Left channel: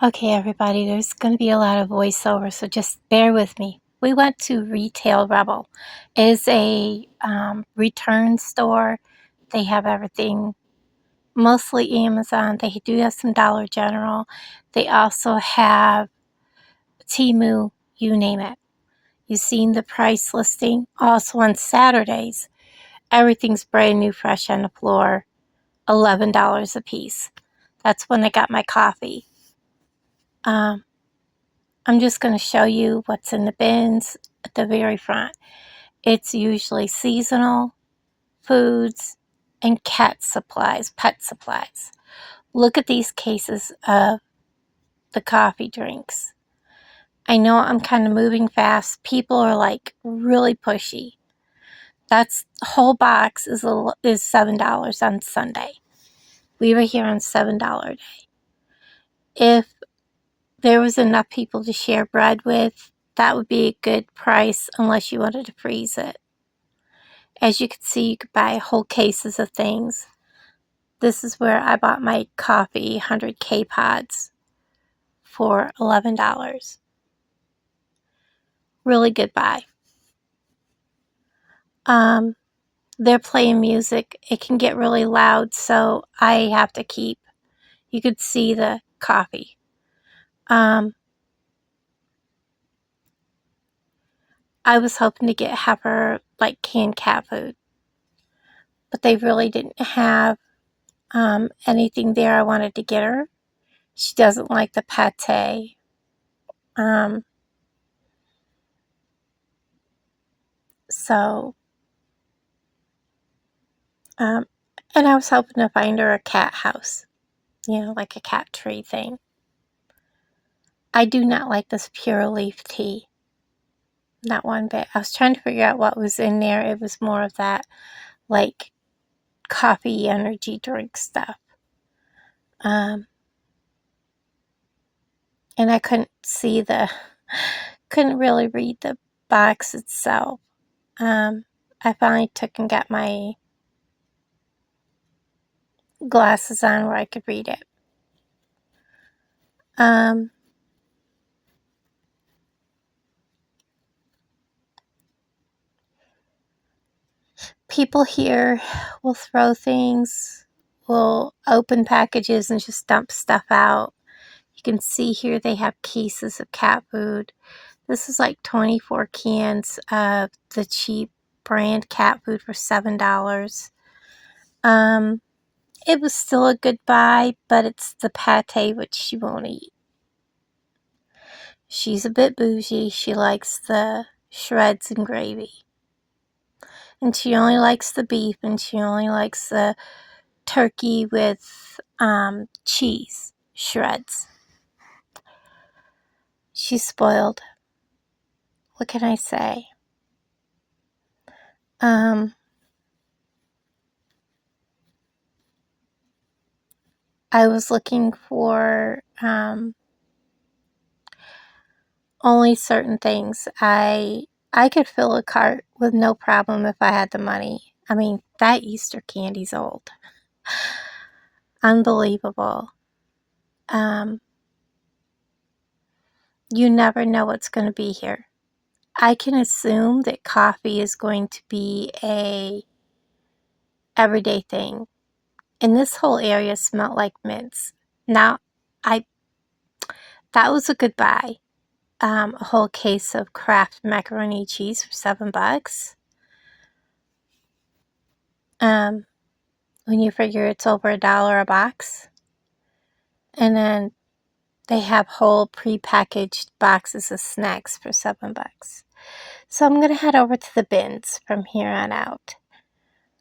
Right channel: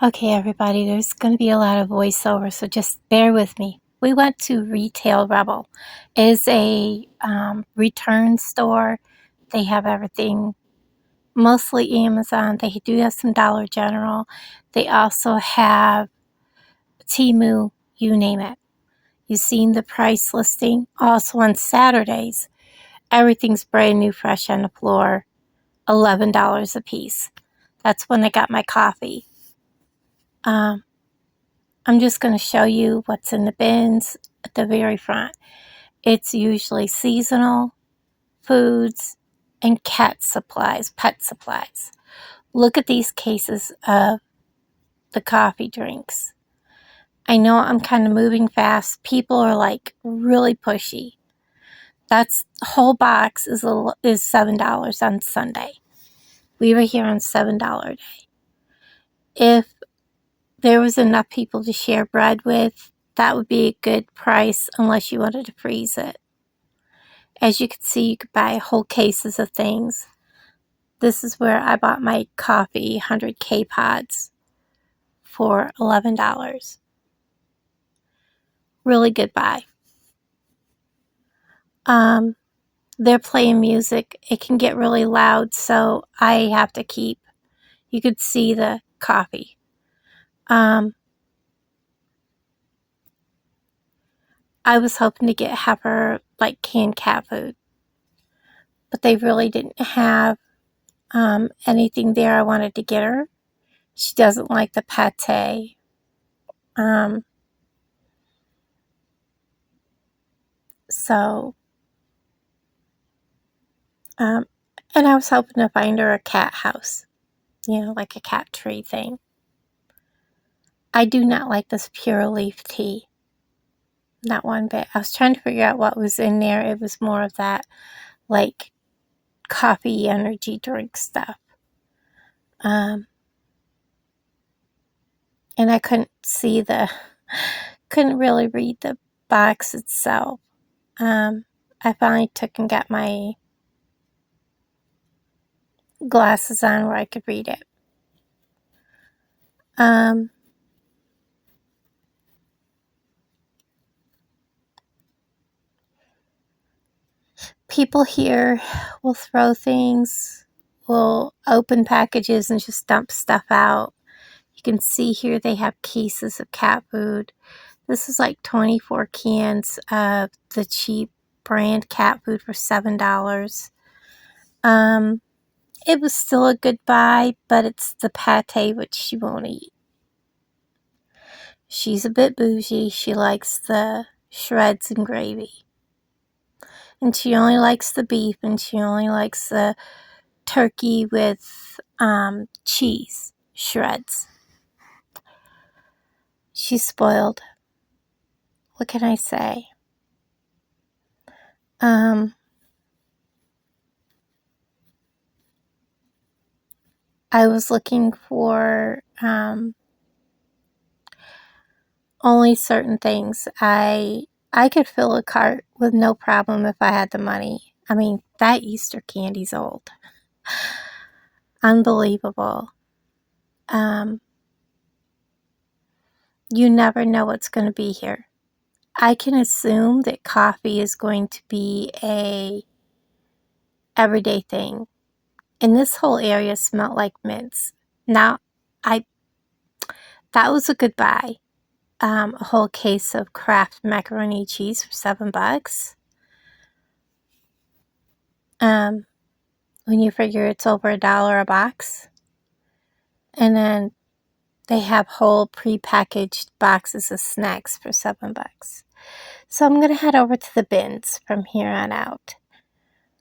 Okay, everybody, there's going to be a lot of voiceover, so just bear with me. We went to Retail Rebel. It is a return store. They have everything, mostly Amazon. They do have some Dollar General. They also have Temu, you name it. You've seen the price listing. Also on Saturdays, everything's brand new, fresh on the floor, $11 a piece. That's when I got my coffee. I'm just going to show you what's in the bins at the very front. It's usually seasonal, foods, and cat supplies, pet supplies. Look at these cases of the coffee drinks. I know I'm kind of moving fast. People are like really pushy. That's whole box is $7 on Sunday. We were here on $7 day. If there was enough people to share bread with, that would be a good price unless you wanted to freeze it. As you can see, you could buy whole cases of things. This is where I bought my coffee 100 K-Pods for $11. Really good buy. They're playing music. It can get really loud, so I have to keep, you could see the coffee. I was hoping to get Heifer like canned cat food, but they really didn't have anything there I wanted to get her. She doesn't like the pate. And I was hoping to find her a cat house, like a cat tree thing. I do not like this pure leaf tea. Not one bit. I was trying to figure out what was in there. It was more of that, like, coffee energy drink stuff. And I couldn't really read the box itself. I finally took and got my glasses on where I could read it. People here will throw things, will open packages and just dump stuff out. You can see here they have cases of cat food. This is like 24 cans of the cheap brand cat food for $7. It was still a good buy, but it's the pate which she won't eat. She's a bit bougie. She likes the shreds and gravy. And she only likes the beef, and she only likes the turkey with cheese shreds. She's spoiled. What can I say? I was looking for only certain things. I could fill a cart with no problem if I had the money. I mean, that Easter candy's old. Unbelievable. You never know what's going to be here. I can assume that coffee is going to be a everyday thing. And this whole area smelled like mints. Now, that was a good buy. A whole case of Kraft macaroni cheese for $7. When you figure it's over $1 a box. And then they have whole pre-packaged boxes of snacks for $7. So I'm going to head over to the bins from here on out.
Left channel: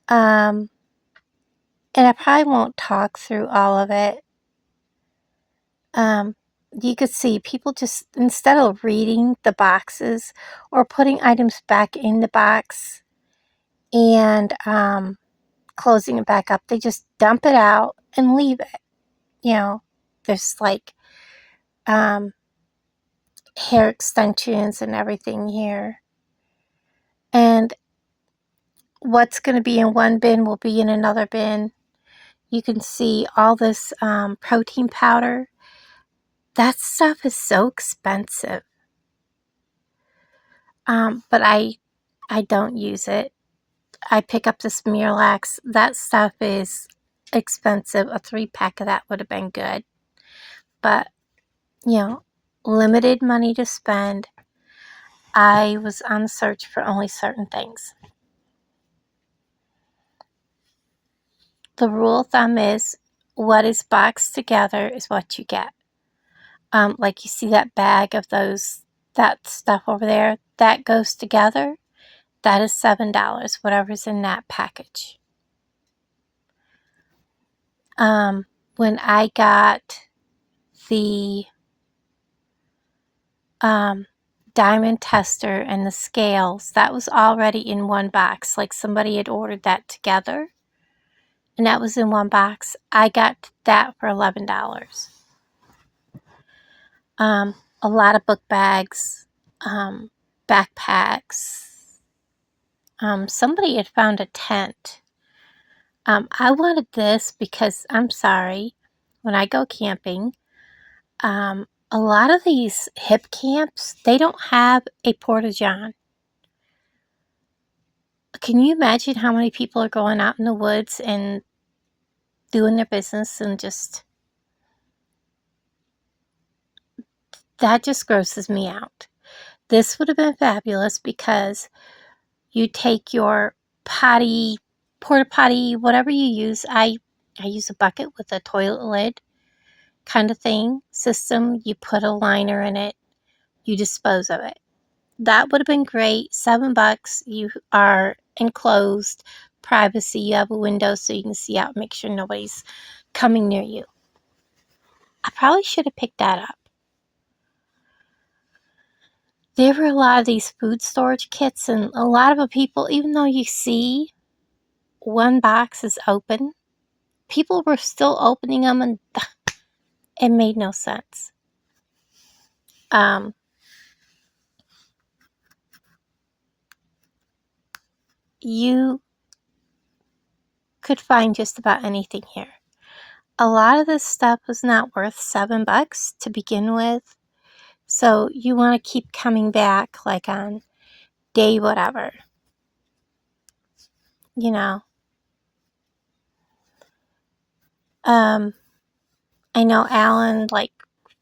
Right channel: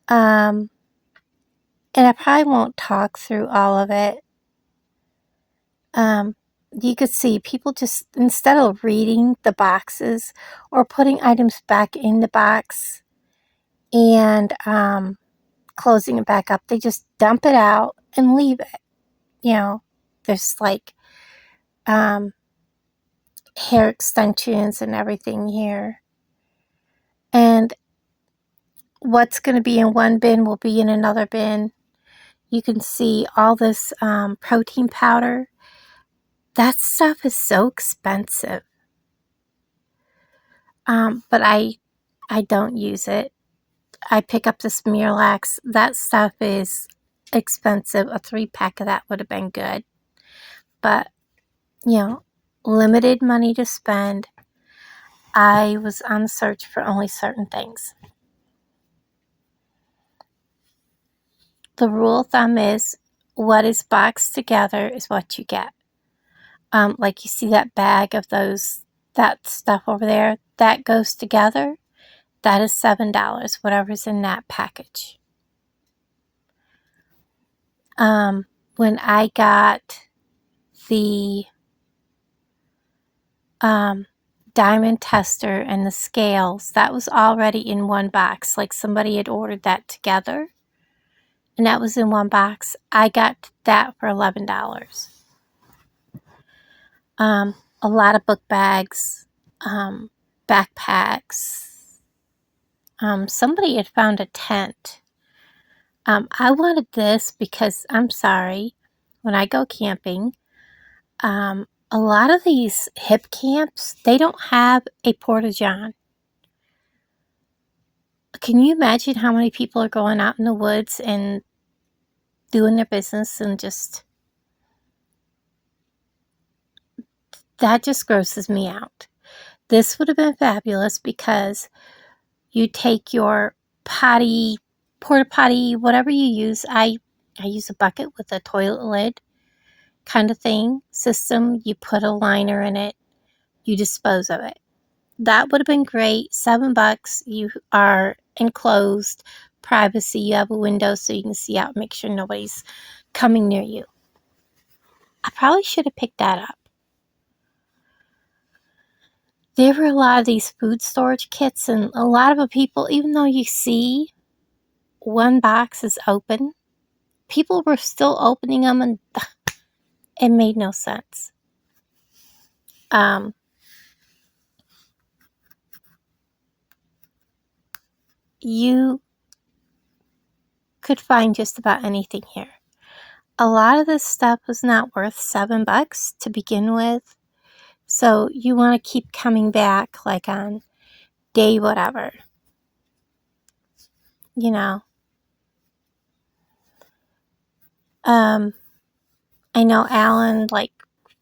And I probably won't talk through all of it. You could see people just, instead of reading the boxes or putting items back in the box and closing it back up, they just dump it out and leave it. There's like hair extensions and everything here. And what's going to be in one bin will be in another bin. You can see all this protein powder. That stuff is so expensive. But I don't use it. I pick up this Miralax. That stuff is expensive. A 3-pack of that would have been good. But, limited money to spend. I was on the search for only certain things. The rule of thumb is what is boxed together is what you get. Like you see that bag of that stuff over there, that goes together. That is $7, whatever's in that package. When I got the diamond tester and the scales, that was already in one box. Like somebody had ordered that together, and that was in one box. I got that for $11. A lot of book bags, backpacks. Somebody had found a tent. I wanted this because, I'm sorry, when I go camping, a lot of these hip camps, they don't have a porta-john. Can you imagine how many people are going out in the woods and doing their business and that just grosses me out. This would have been fabulous because you take your potty, porta potty, whatever you use. I use a bucket with a toilet lid kind of thing system. You put a liner in it, you dispose of it. That would have been great. $7. You are enclosed, privacy. You have a window so you can see out, make sure nobody's coming near you. I probably should have picked that up. There were a lot of these food storage kits, and a lot of the people, even though you see one box is open, people were still opening them, and it made no sense. You could find just about anything here. A lot of this stuff was not worth $7 to begin with, so you want to keep coming back like on day whatever. I know Alan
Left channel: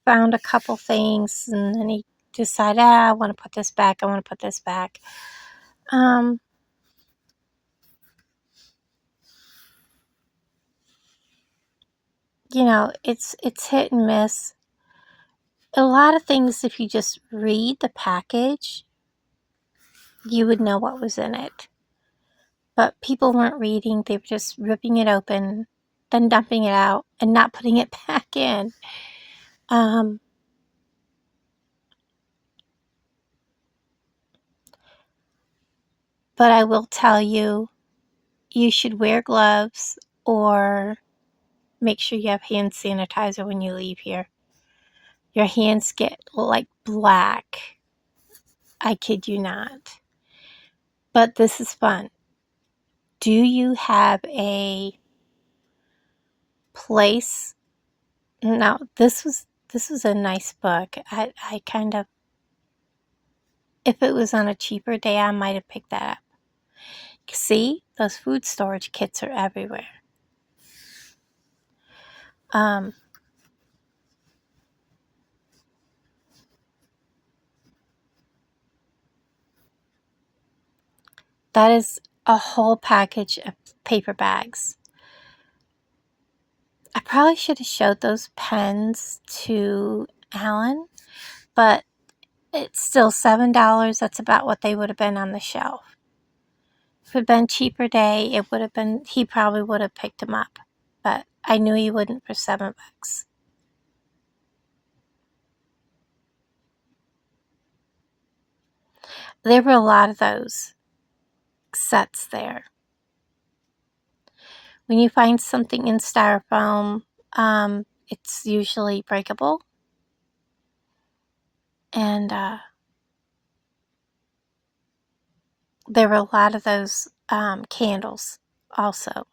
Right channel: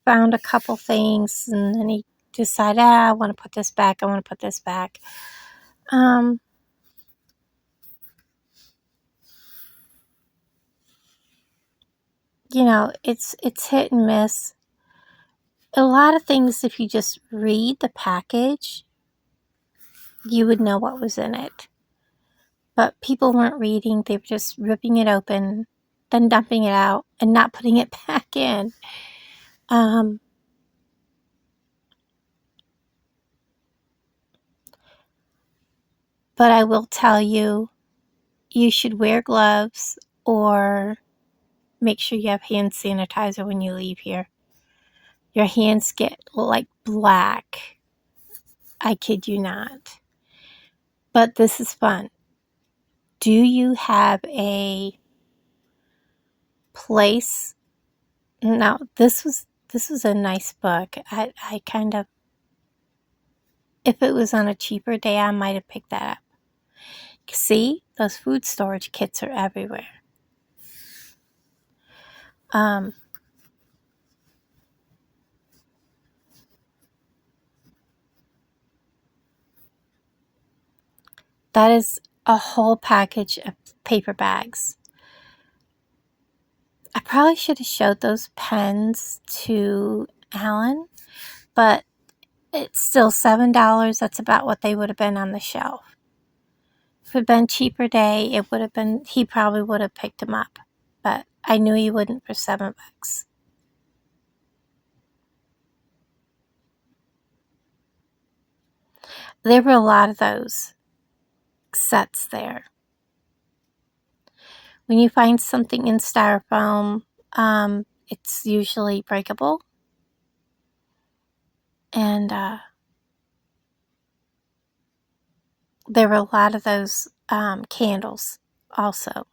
found a couple things, and then he decided, I want to put this back, I want to put this back. It's hit and miss. A lot of things, if you just read the package, you would know what was in it. But people weren't reading, they were just ripping it open, then dumping it out, and not putting it back in. But I will tell you, you should wear gloves or make sure you have hand sanitizer when you leave here. Your hands get black. I kid you not. But this is fun. Do you have a place? Now, this was a nice book. I kind of, if it was on a cheaper day, I might have picked that up. See, those food storage kits are everywhere. That is a whole package of paper bags. I probably should have showed those pens to Alan, but it's still $7. That's about what they would have been on the shelf. If it had been a cheaper day, he probably would have picked them up, but I knew he wouldn't for $7. There were a lot of those sets there. When you find something in styrofoam, it's usually breakable. And there were a lot of those candles also.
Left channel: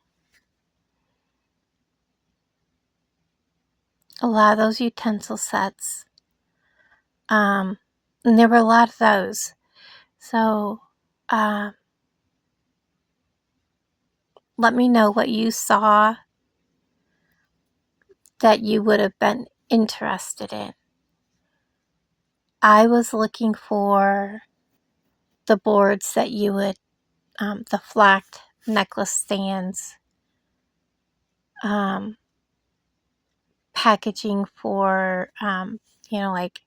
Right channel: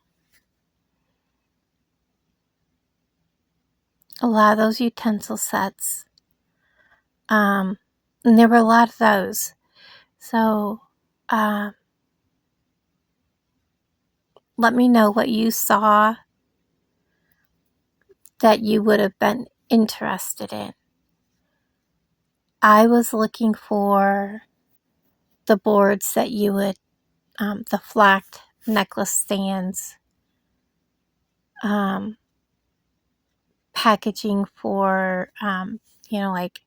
a lot of those utensil sets. And there were a lot of those. So let me know what you saw that you would have been interested in. I was looking for the boards that you would, the flocked necklace stands, packaging for, like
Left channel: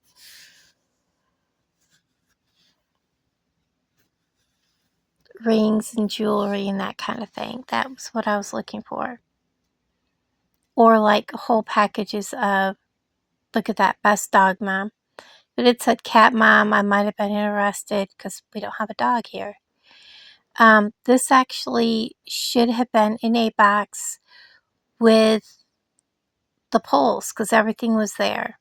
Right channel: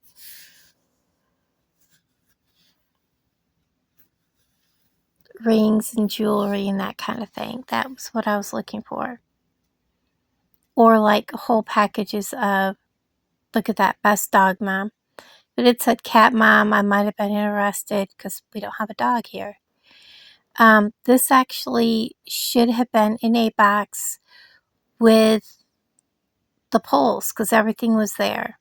rings and jewelry and that kind of thing. That was what I was looking for. Or like whole packages of, look at that, best dog mom. But it said cat mom, I might have been interested because we don't have a dog here. This actually should have been in a box with the poles because everything was there.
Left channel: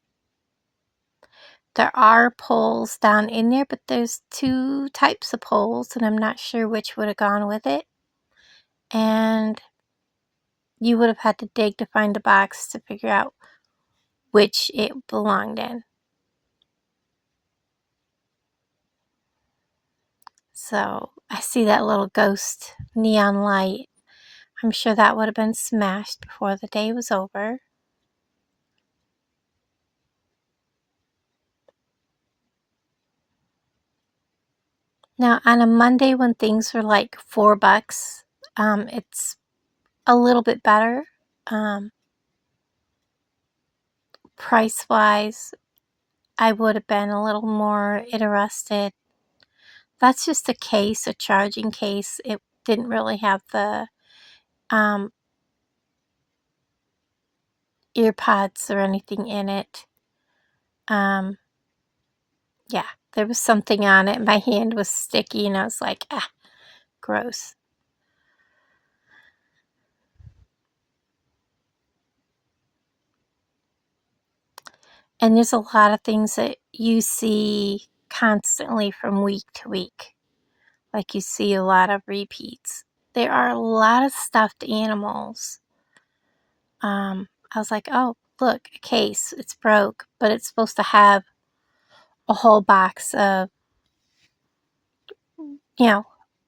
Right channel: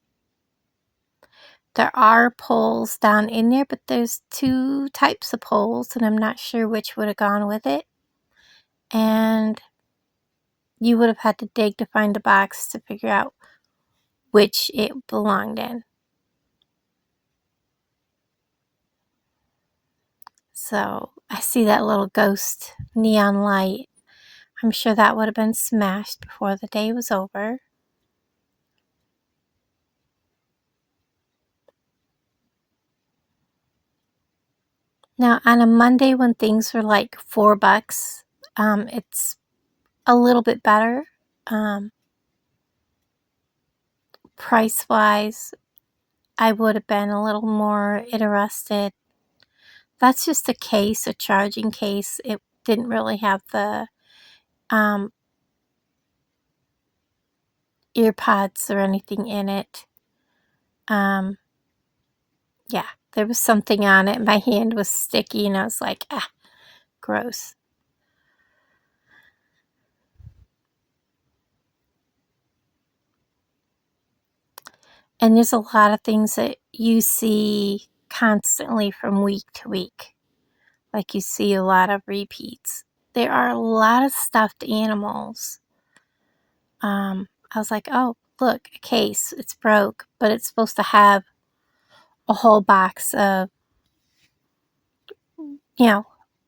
There are poles down in there, but there's 2 types of poles, and I'm not sure which would have gone with it. And you would have had to dig to find the box to figure out which it belonged in. So I see that little ghost neon light. I'm sure that would have been smashed before the day was over. Now, on a Monday when things were like $4, it's a little bit better. Price-wise, I would have been a little more interested. That's just a case, a charging case. It didn't really have the ear pods or anything in it. Yeah, there was something on it. My hand was sticky and I was like, gross. And there's a lot of things that you see constantly from week to week. Like you see a lot of repeats. There are a lot of stuffed animals. I was like, oh, look, a case. It's broke, but it's supposed to have a whole box of,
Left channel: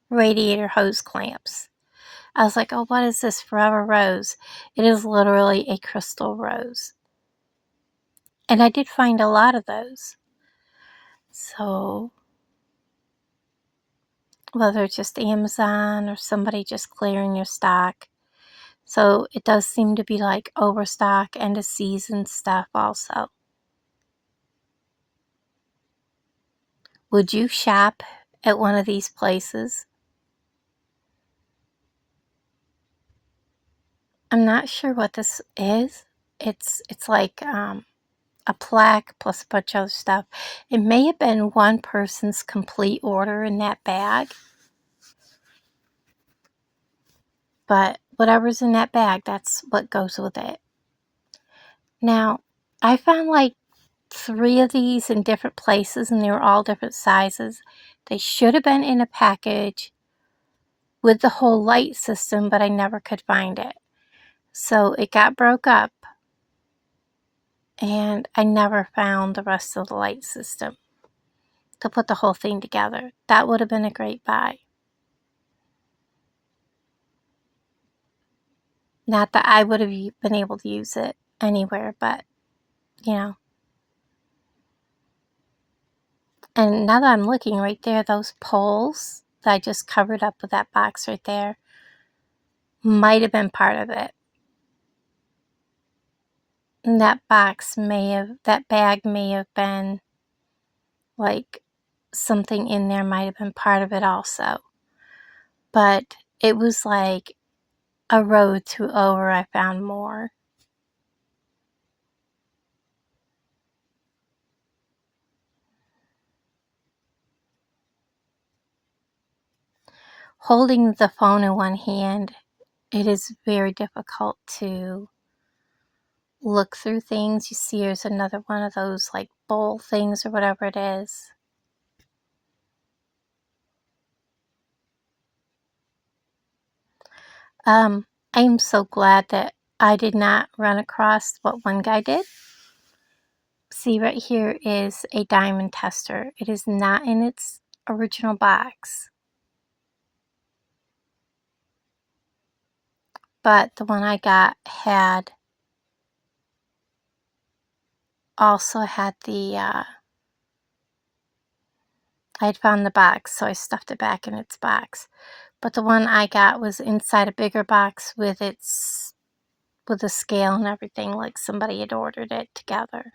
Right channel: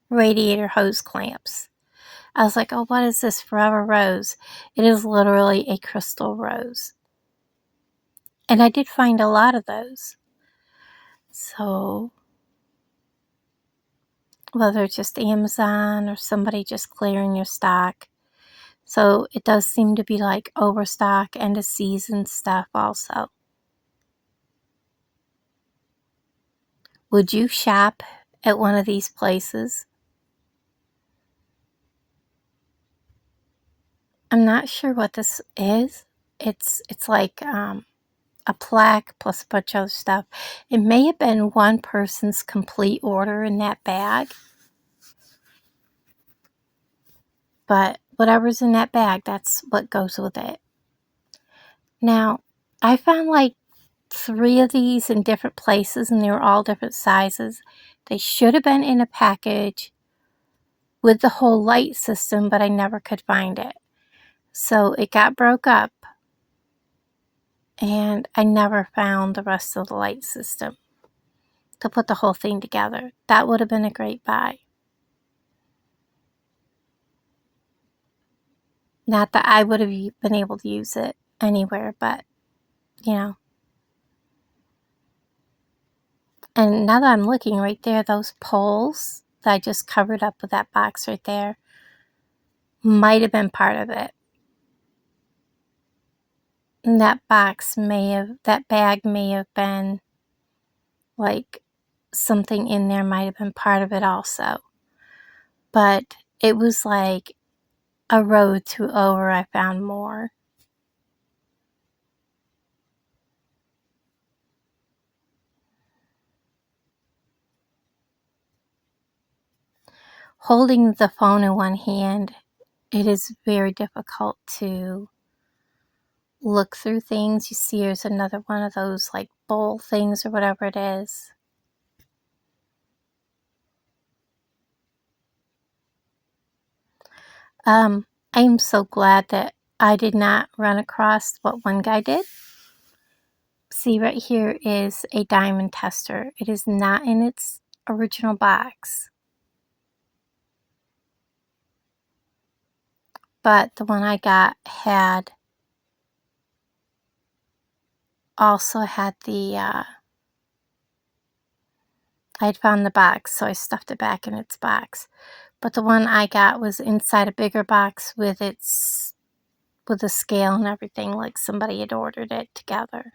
radiator hose clamps. I was like, oh, what is this Forever Rose? It is literally a crystal rose. And I did find a lot of those. So, whether it's just Amazon or somebody just clearing your stock. So, it does seem to be like overstock, end of season stuff also. Would you shop at one of these places? I'm not sure what this is. It's like a plaque plus a bunch of other stuff. It may have been one person's complete order in that bag. But whatever's in that bag, that's what goes with it. Now, I found like 3 of these in different places and they were all different sizes. They should have been in a package with the whole light system, but I never could find it. So it got broke up and I never found the rest of the light system to put the whole thing together. That would have been a great buy. Not that I would have been able to use it anywhere, but, And now that I'm looking right there, those poles that I just covered up with that box right there might have been part of it. And that bag may have been like something in there might have been part of it also. But it was like a road to over, I found more. Holding the phone in one hand, it is very difficult to look through things. You see there's another one of those like bowl things or whatever it is. I am so glad that I did not run across what one guy did. See, right here is a diamond tester. It is not in its original box. But the one I got also had the, I had found the box, so I stuffed it back in its box. But the one I got was inside a bigger box with a scale and everything, like somebody had ordered it together.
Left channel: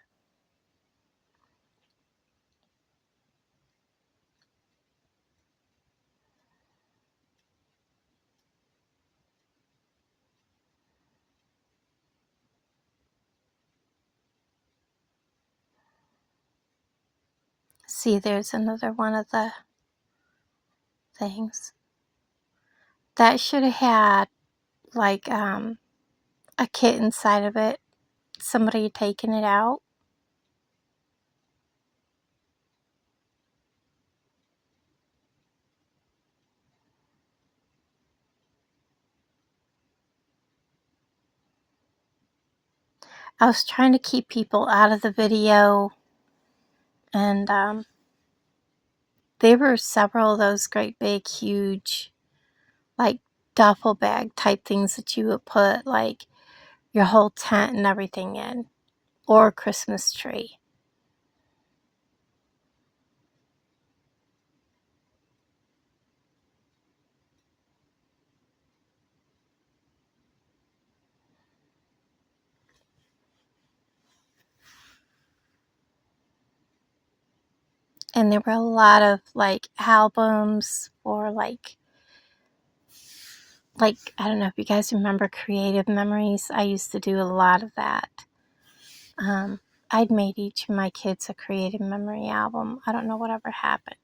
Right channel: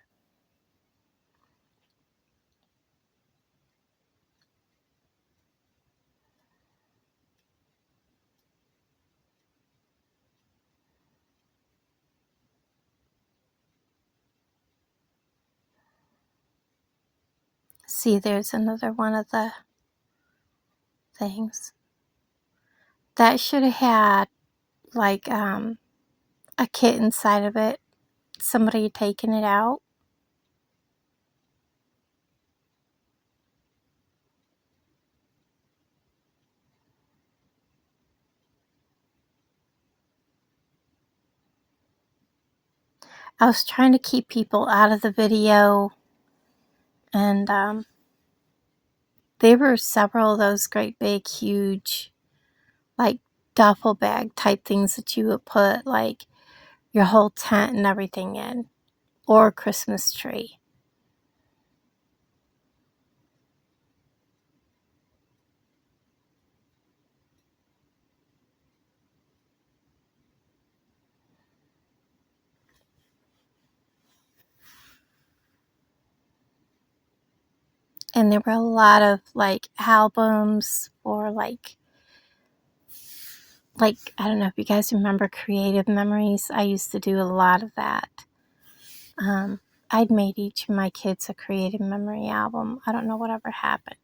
See, there's another one of the things. That should have had like a kit inside of it. Somebody had taken it out. I was trying to keep people out of the video, and there were several of those great big huge like duffel bag type things that you would put like your whole tent and everything in, or a Christmas tree. And there were a lot of like albums or like I don't know if you guys remember Creative Memories. I used to do a lot of that. I'd made each of my kids a Creative Memory album. I don't know whatever happened.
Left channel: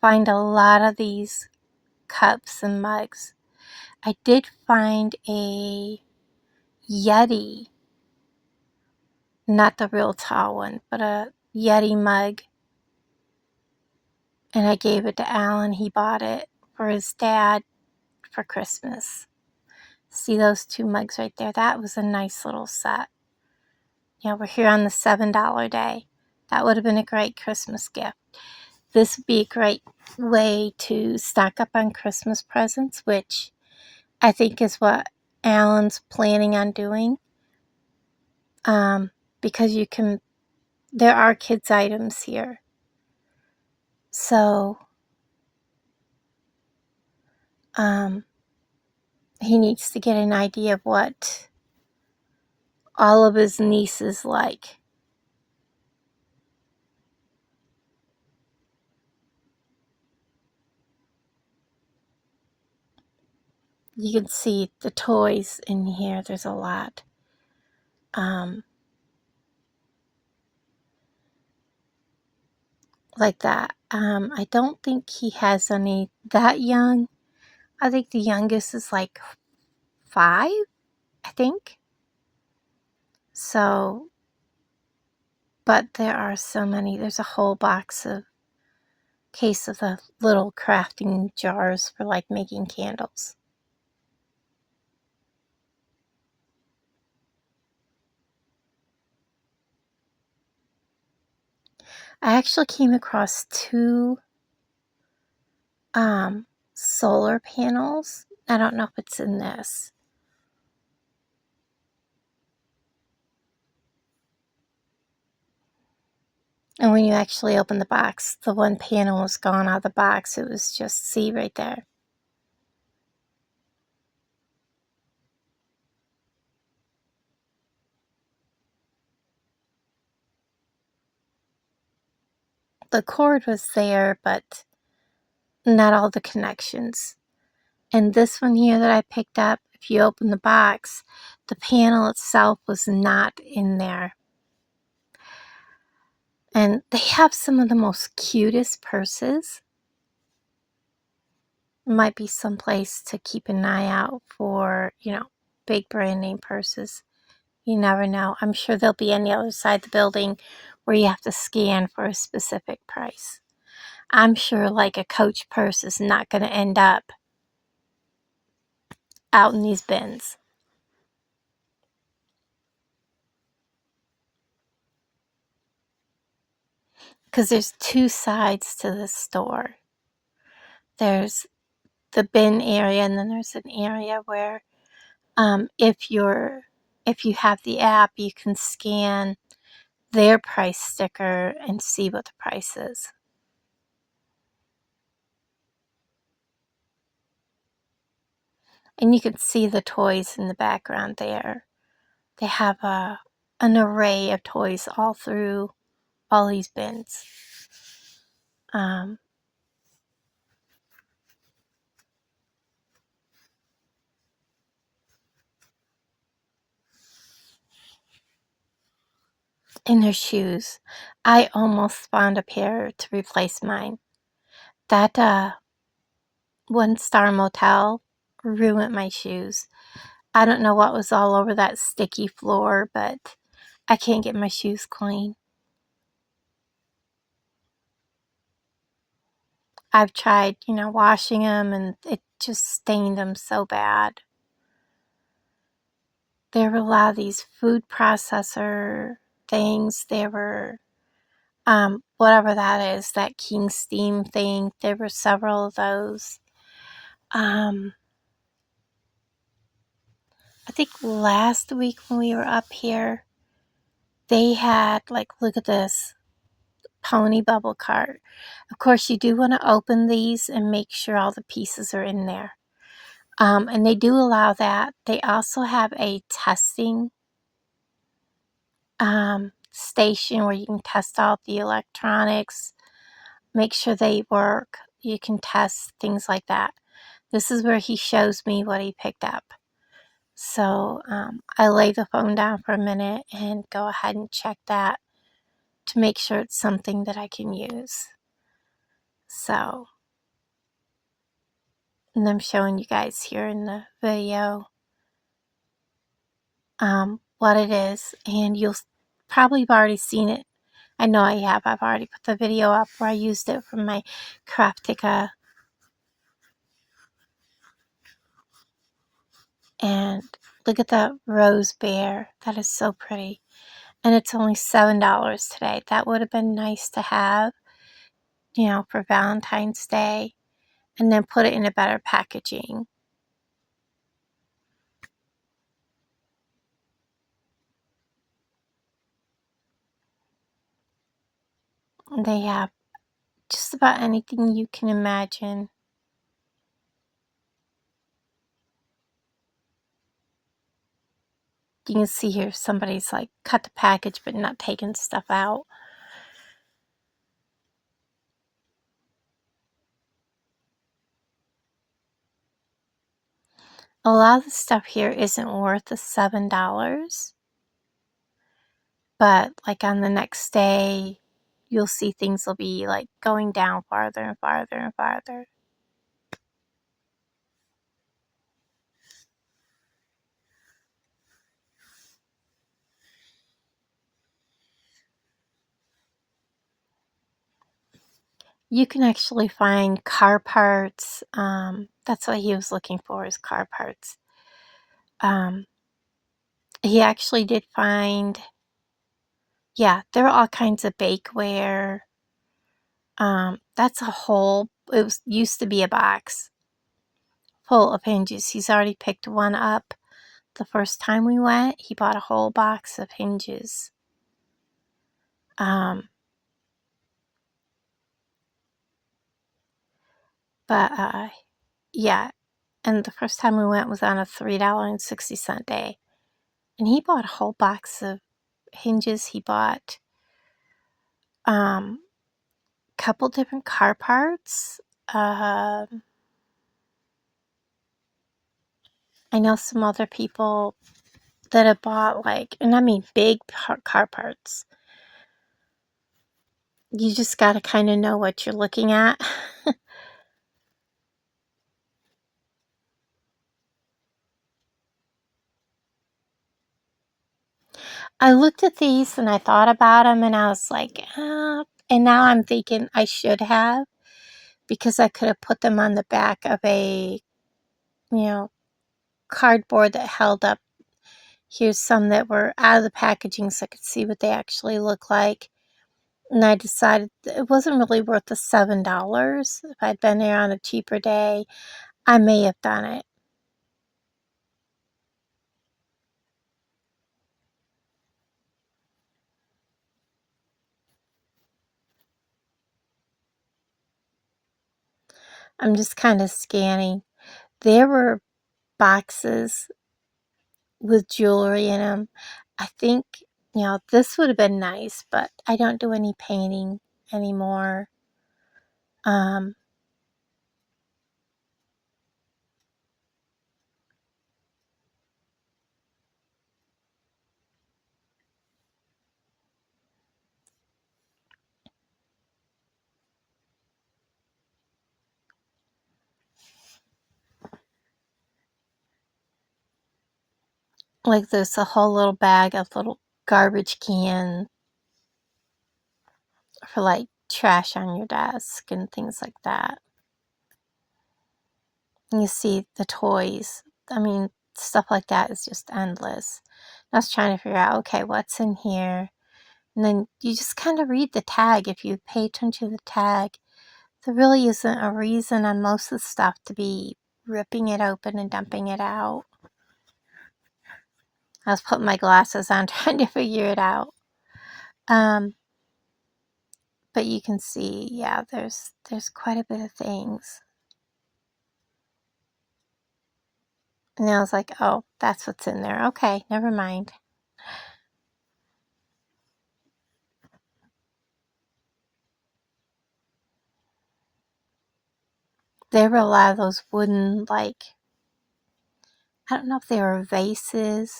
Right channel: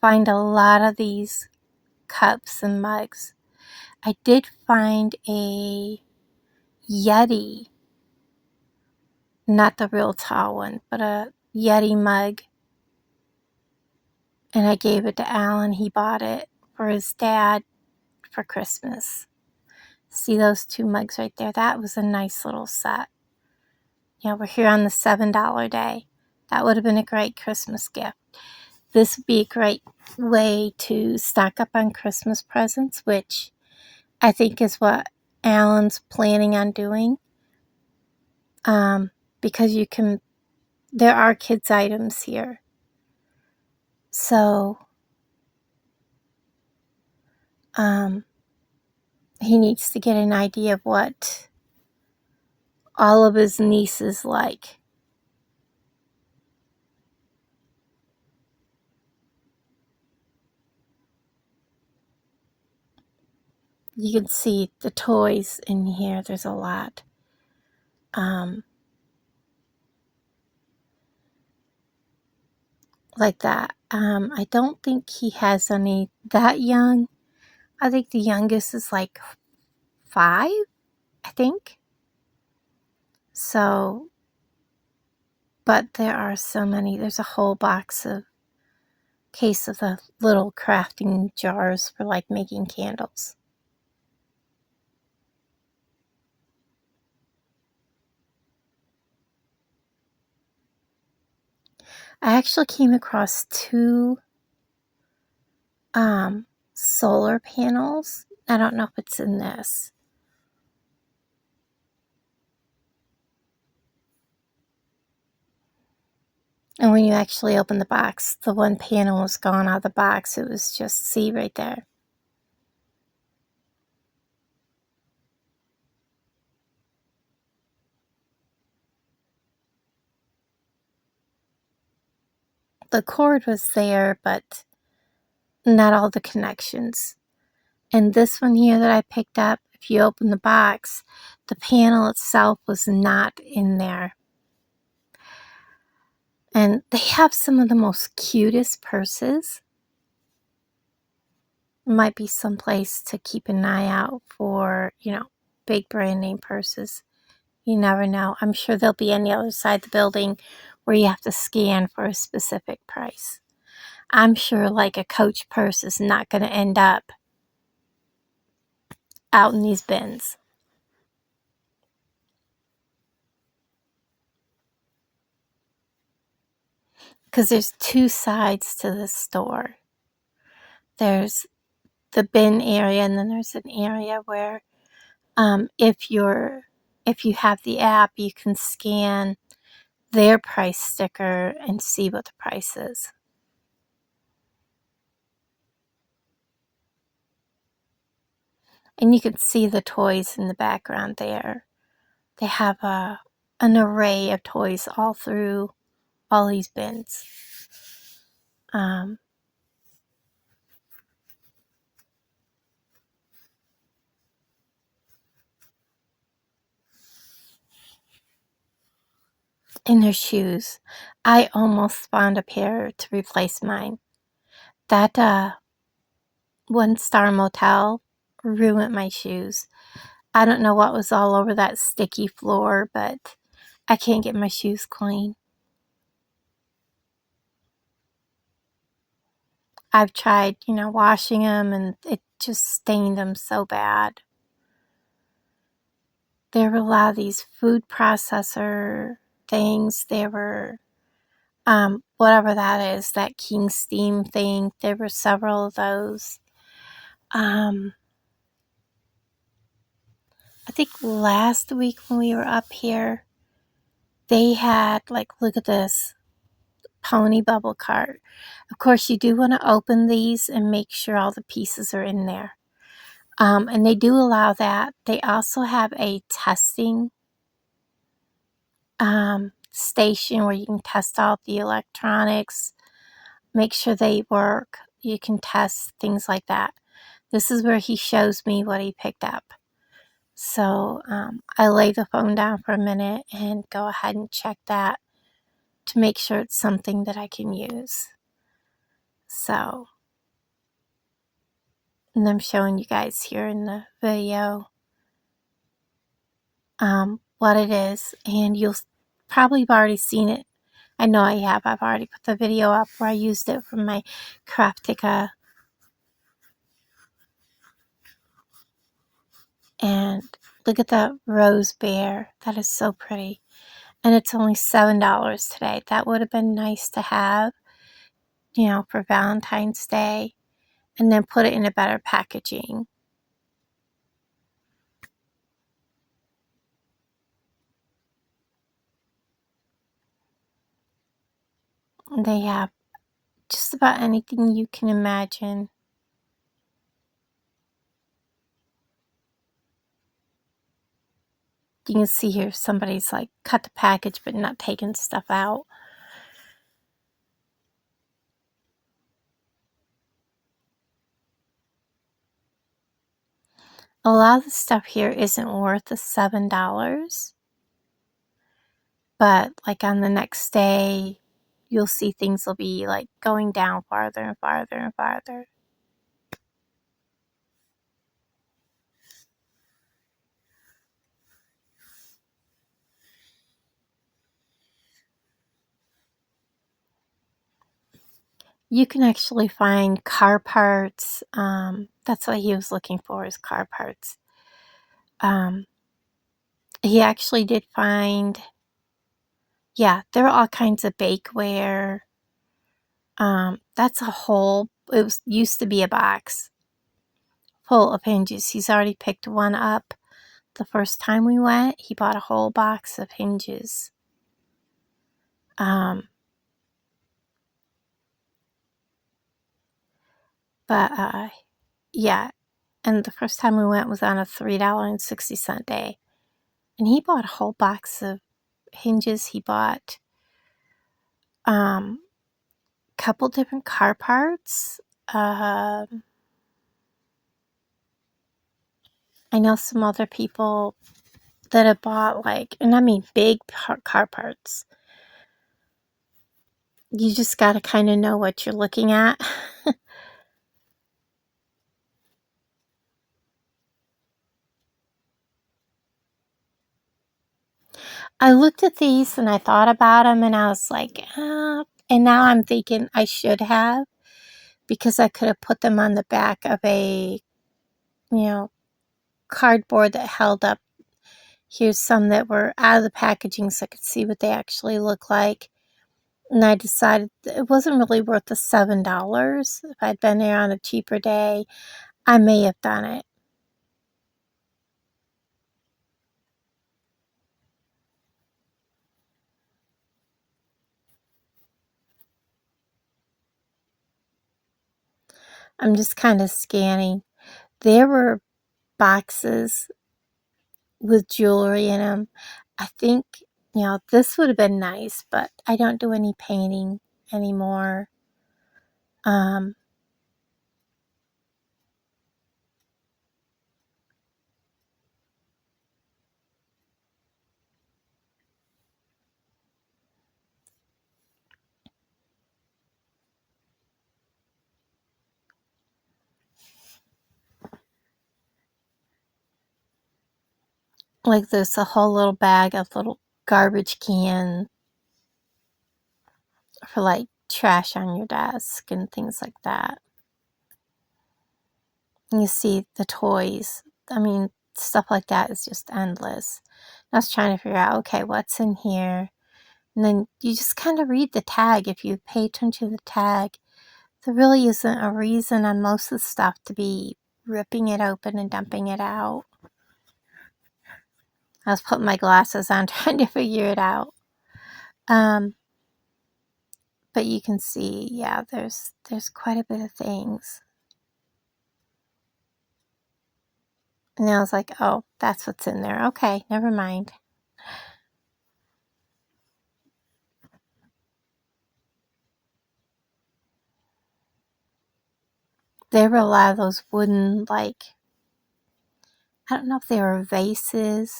Find a lot of these cups and mugs. I did find a Yeti, not the real tall one, but a Yeti mug. And I gave it to Alan. He bought it for his dad for Christmas. See those two mugs right there? That was a nice little set. Yeah, we're here on the $7 day. That would have been a great Christmas gift. This would be a great way to stock up on Christmas presents, which I think is what Alan's planning on doing. Because there are kids' items here. So, he needs to get an idea of what all of his nieces like. You can see the toys in here. There's a lot. Like that. I don't think he has any that young. I think the youngest is like 5, I think. So, but there are so many. There's a whole case of the little crafting jars for like making candles. I actually came across 2 solar panels. I don't know if it's in this. And when you actually open the box, the one panel was gone out of the box. It was just, see right there. The cord was there, but not all the connections. And this one here that I picked up, if you open the box, the panel itself was not in there. And they have some of the most cutest purses. Might be someplace to keep an eye out for, big brand name purses. You never know. I'm sure they'll be on the other side of the building where you have to scan for a specific price. I'm sure like a Coach purse is not going to end up out in these bins. because there's two sides to the store. There's the bin area, and then there's an area where if you have the app, you can scan their price sticker and see what the price is. And you can see the toys in the background there. They have an array of toys all through all these bins. And their shoes. I almost found a pair to replace mine. That one-star motel ruined my shoes. I don't know what was all over that sticky floor, but I can't get my shoes clean. I've tried, washing them, and it just stained them so bad. There were a lot of these food processor things. There were, whatever that is, that King Steam thing. There were several of those. I think last week when we were up here, they had, look at this, pony bubble cart. Of course, you do want to open these and make sure all the pieces are in there. And they do allow that. They also have a testing station where you can test out the electronics, make sure they work. You can test things like that. This is where he shows me what he picked up. So I lay the phone down for a minute and go ahead and check that to make sure it's something that I can use. So, and I'm showing you guys here in the video what it is, and you'll probably have already seen it. I know I have. I've already put the video up where I used it from my Craftica. And look at that rose bear. That is so pretty. And it's only $7 today. That would have been nice to have, for Valentine's Day. And then put it in a better packaging. They have just about anything you can imagine. You can see here somebody's cut the package but not taking stuff out. A lot of the stuff here isn't worth the $7. But on the next day, you'll see things will be going down farther and farther and farther. You can actually find car parts. That's what he was looking for, is car parts. He actually did find, there were all kinds of bakeware. That's a whole, used to be a box full of hinges. He's already picked one up. The first time we went, he bought a whole box of hinges. But and the first time we went was on a $3.60 day. And he bought a whole box of hinges. He bought a couple different car parts. I know some other people that have bought and I mean big car parts. You just got to kind of know what you're looking at. I looked at these and I thought about them and I was like, and now I'm thinking I should have, because I could have put them on the back of a, cardboard that held up. Here's some that were out of the packaging so I could see what they actually look like. And I decided it wasn't really worth the $7. If I'd been there on a cheaper day, I may have done it. I'm just kind of scanning. There were boxes with jewelry in them. I think, this would have been nice, but I don't do any painting anymore. Like there's a whole little bag of little garbage can for like trash on your desk and things like that. And you see the toys. I mean, stuff like that is just endless. I was trying to figure out, okay, what's in here? And then you just kind of read the tag. If you pay attention to the tag, there really isn't a reason on most of the stuff to be ripping it open and dumping it out. I was putting my glasses on trying to figure it out. But you can see, yeah, there's quite a bit of things. And I was like, oh, that's what's in there. Okay, never mind. There were a lot of those wooden, like, I don't know if they were vases.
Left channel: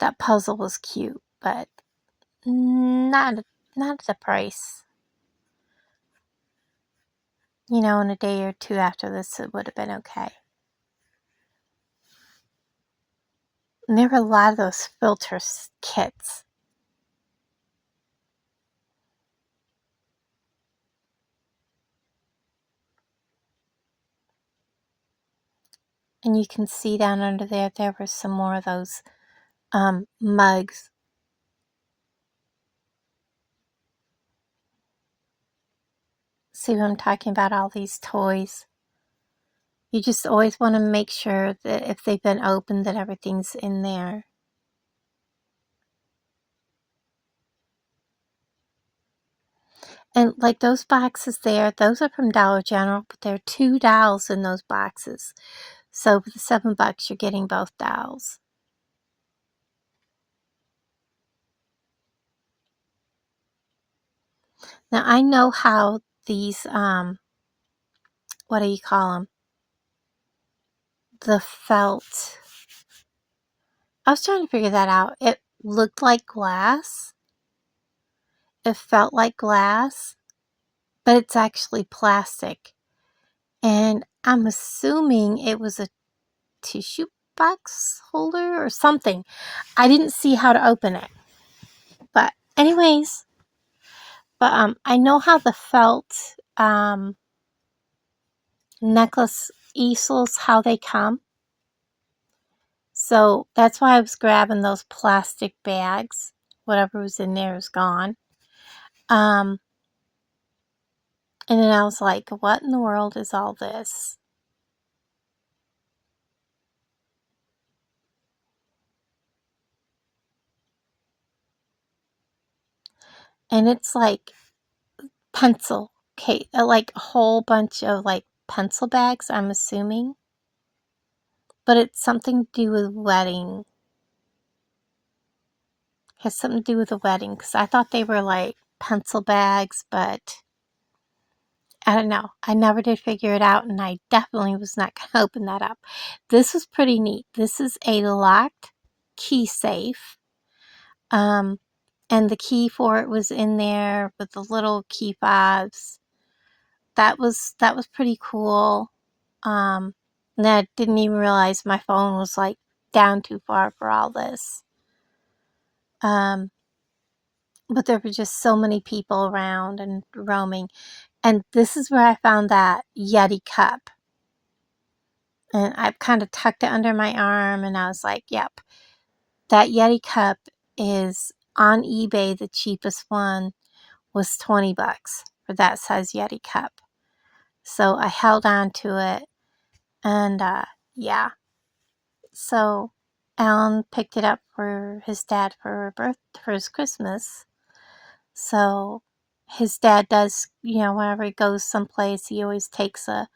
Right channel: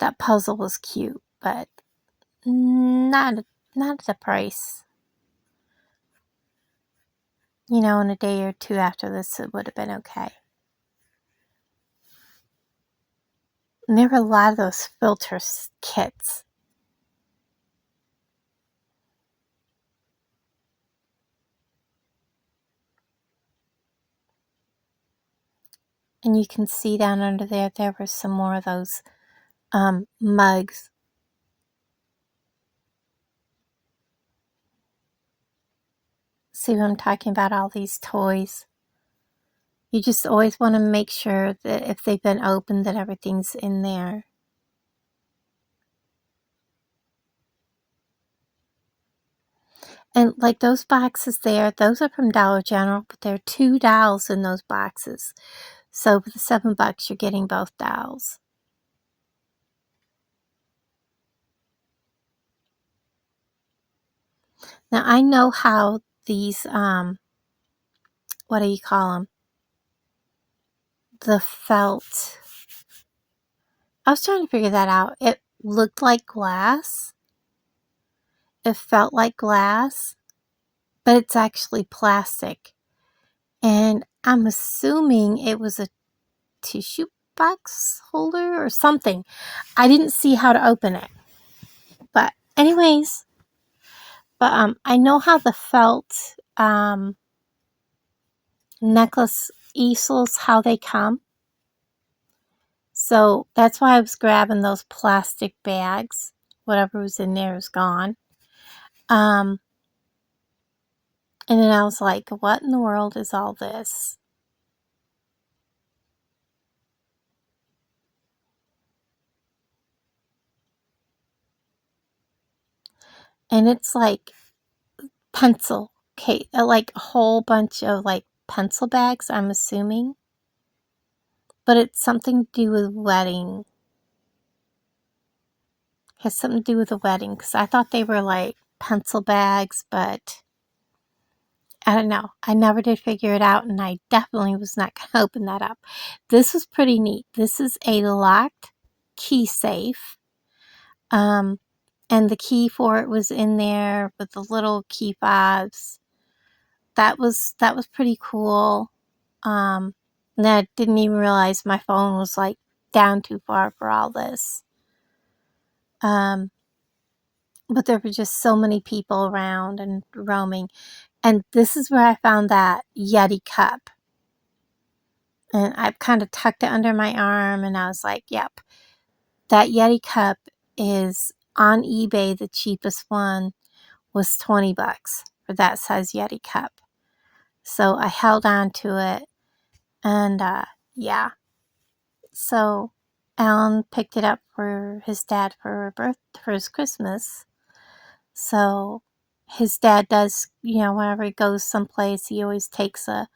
That puzzle was cute, but not at the price. In a day or two after this, it would have been okay. And there were a lot of those filter kits. And you can see down under there were some more of those mugs. See what I'm talking about? All these toys. You just always want to make sure that if they've been opened, that everything's in there. And like those boxes there, those are from Dollar General, but there are 2 dolls in those boxes. So for the $7, you're getting both dolls. Now I know how these, what do you call them? The felt. I was trying to figure that out. It looked like glass. It felt like glass, but it's actually plastic. And I'm assuming it was a tissue box holder or something. I didn't see how to open it. But anyways, I know how the felt necklace easels, how they come. So that's why I was grabbing those plastic bags. Whatever was in there is gone. And then I was like, what in the world is all this? And it's like pencil case, like a whole bunch of like pencil bags, I'm assuming. But it's something to do with wedding. Has something to do with a wedding, because I thought they were like pencil bags, but I don't know. I never did figure it out, and I definitely was not going to open that up. This was pretty neat. This is a locked key safe. And the key for it was in there with the little key fobs. That was pretty cool. And I didn't even realize my phone was like down too far for all this. But there were just so many people around and roaming. And this is where I found that Yeti cup. And I kind of tucked it under my arm, and I was like, yep, that Yeti cup is on eBay, the cheapest one was $20 for that size Yeti cup. So I held on to it, and yeah. So Alan picked it up for his dad for his Christmas. So his dad does, whenever he goes someplace, he always takes a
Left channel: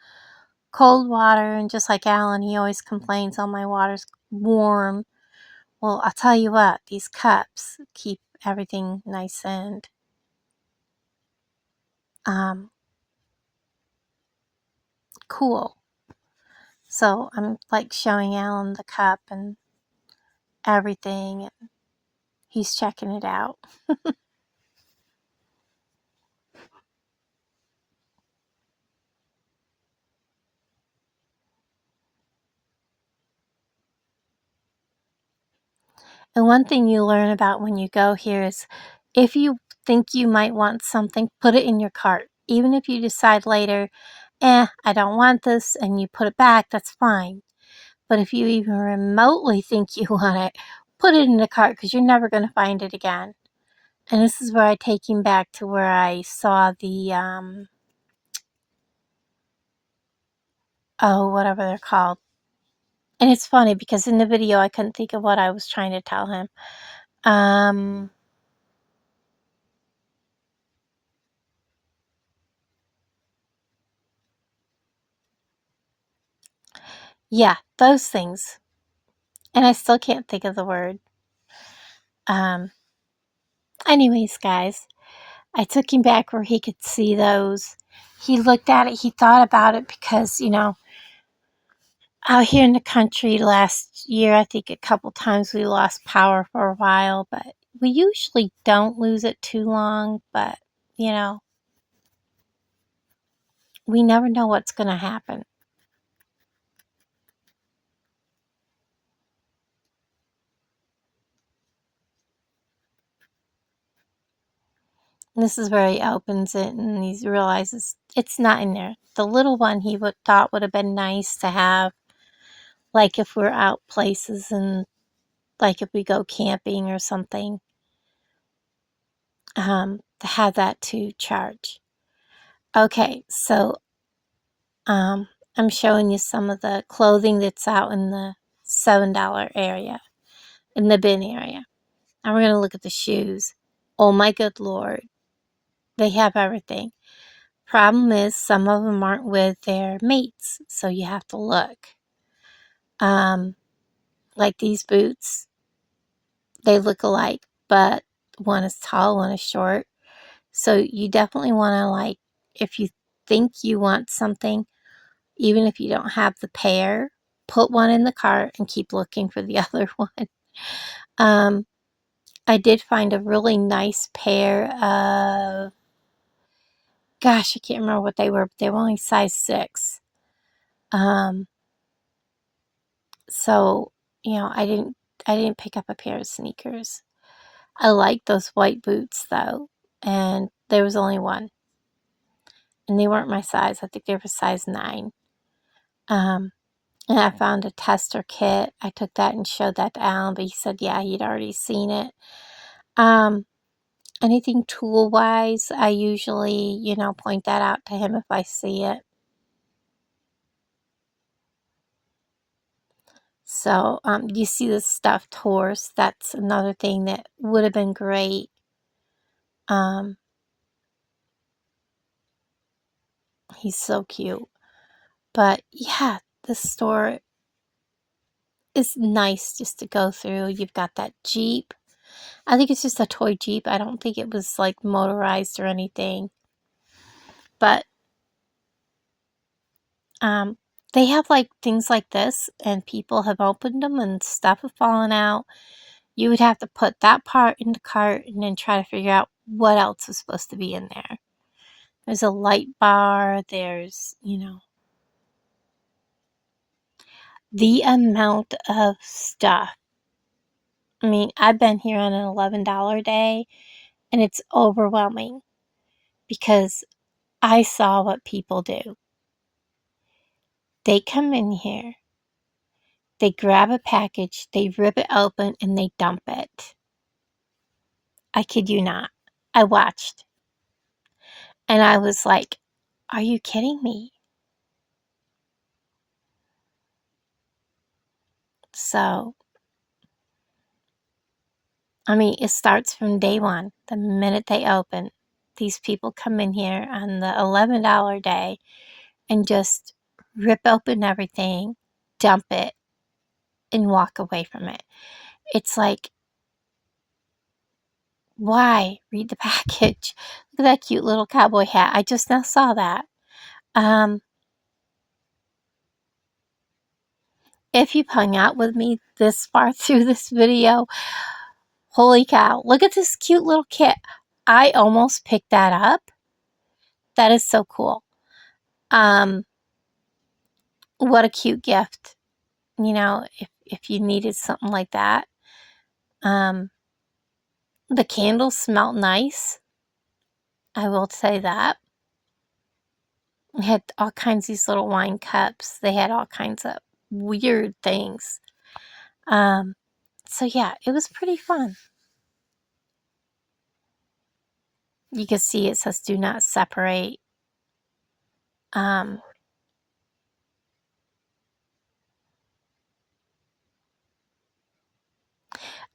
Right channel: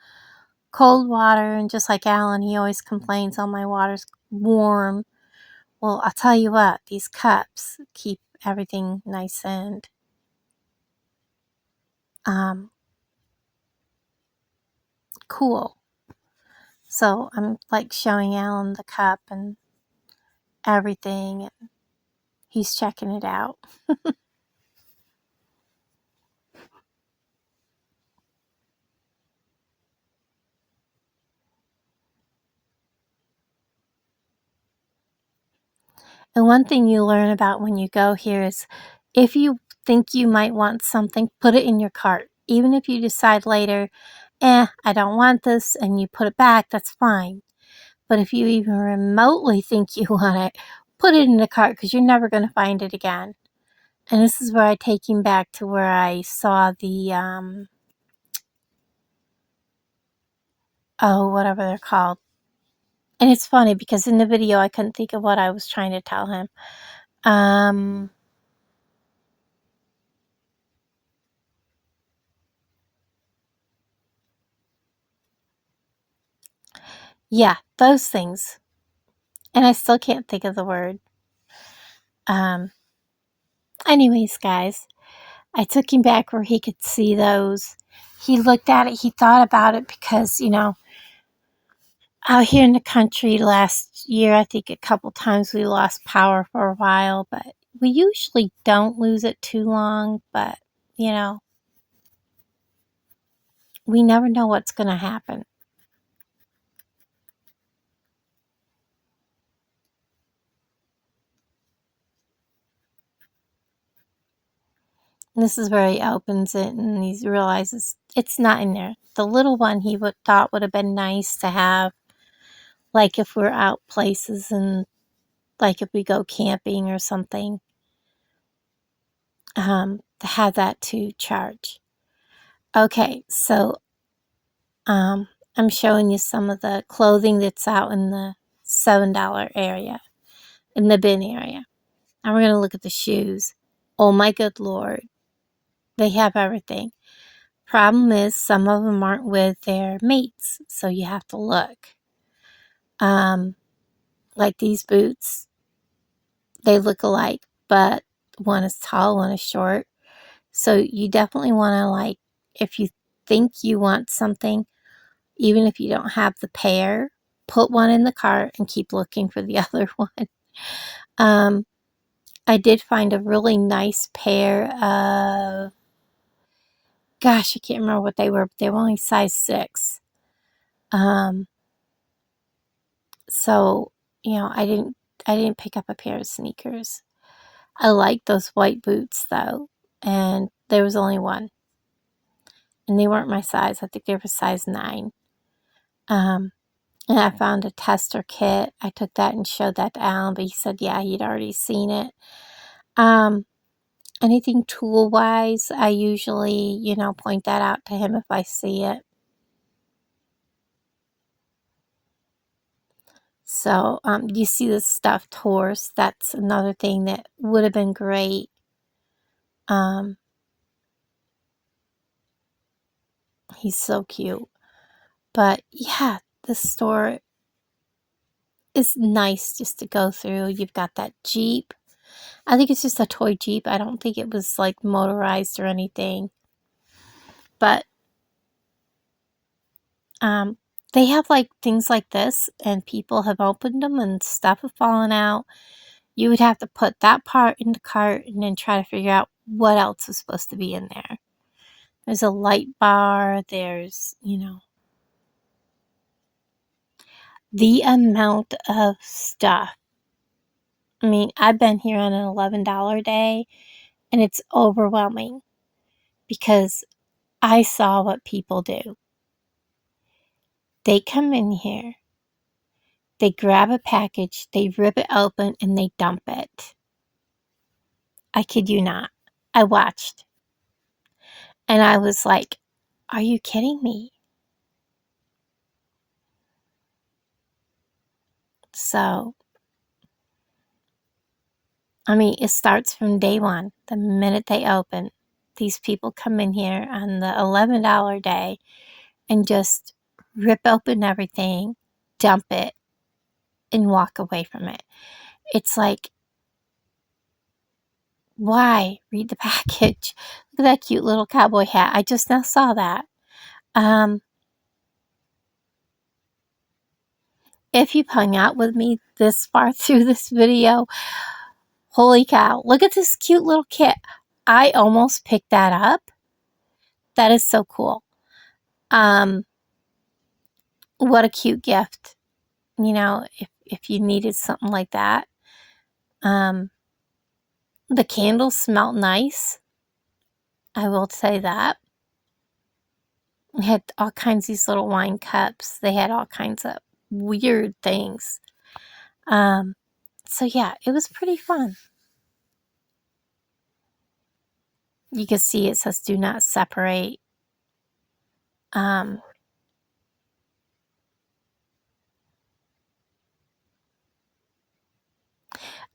cold water, and just like Alan, he always complains, "Oh, my water's warm." Well, I'll tell you what, these cups keep everything nice and cool. So I'm like showing Alan the cup and everything, and he's checking it out. And one thing you learn about when you go here is if you think you might want something, put it in your cart. Even if you decide later, I don't want this, and you put it back, that's fine. But if you even remotely think you want it, put it in the cart, because you're never going to find it again. And this is where I take him back to where I saw the, whatever they're called. And it's funny because in the video I couldn't think of what I was trying to tell him. Yeah, those things. And I still can't think of the word. Anyways, guys, I took him back where he could see those. He looked at it, he thought about it, because, out here in the country last year, I think a couple times we lost power for a while, but we usually don't lose it too long, but, we never know what's going to happen. And this is where he opens it and he realizes it's not in there. The little one he thought would have been nice to have, like if we're out places and like if we go camping or something, to have that to charge. Okay, so I'm showing you some of the clothing that's out in the $7 area, in the bin area. And we're going to look at the shoes. Oh my good Lord. They have everything. Problem is, some of them aren't with their mates, so you have to look. Like these boots, they look alike, but one is tall, one is short. So you definitely want to, like, if you think you want something, even if you don't have the pair, put one in the cart and keep looking for the other one. I did find a really nice pair of, gosh, I can't remember what they were, but they were only size 6. So, I didn't pick up a pair of sneakers. I like those white boots though, and there was only one. And they weren't my size. I think they were size 9. And I found a tester kit. I took that and showed that to Alan, but he said, yeah, he'd already seen it. Anything tool-wise, I usually, point that out to him if I see it. So, you see the stuffed horse. That's another thing that would have been great. He's so cute. But yeah, the store is nice just to go through. You've got that Jeep. I think it's just a toy Jeep. I don't think it was like motorized or anything. But they have like things like this, and people have opened them and stuff have fallen out. You would have to put that part in the cart and then try to figure out what else is supposed to be in there. There's a light bar. There's, the amount of stuff. I mean, I've been here on an $11 day, and it's overwhelming because I saw what people do. They come in here, they grab a package, they rip it open, and they dump it. I kid you not. I watched. And I was like, are you kidding me? So, I mean, it starts from day one. The minute they open, these people come in here on the $11 day and just rip open everything, dump it, and walk away from it. It's like, why? Read the package. Look at that cute little cowboy hat. I just now saw that. If you've hung out with me this far through this video, holy cow, look at this cute little kit. I almost picked that up. That is so cool. What a cute gift. You know, if you needed something like that. The candles smell nice. I will say that. We had all kinds of these little wine cups. They had all kinds of weird things. So yeah, it was pretty fun. You can see it says do not separate.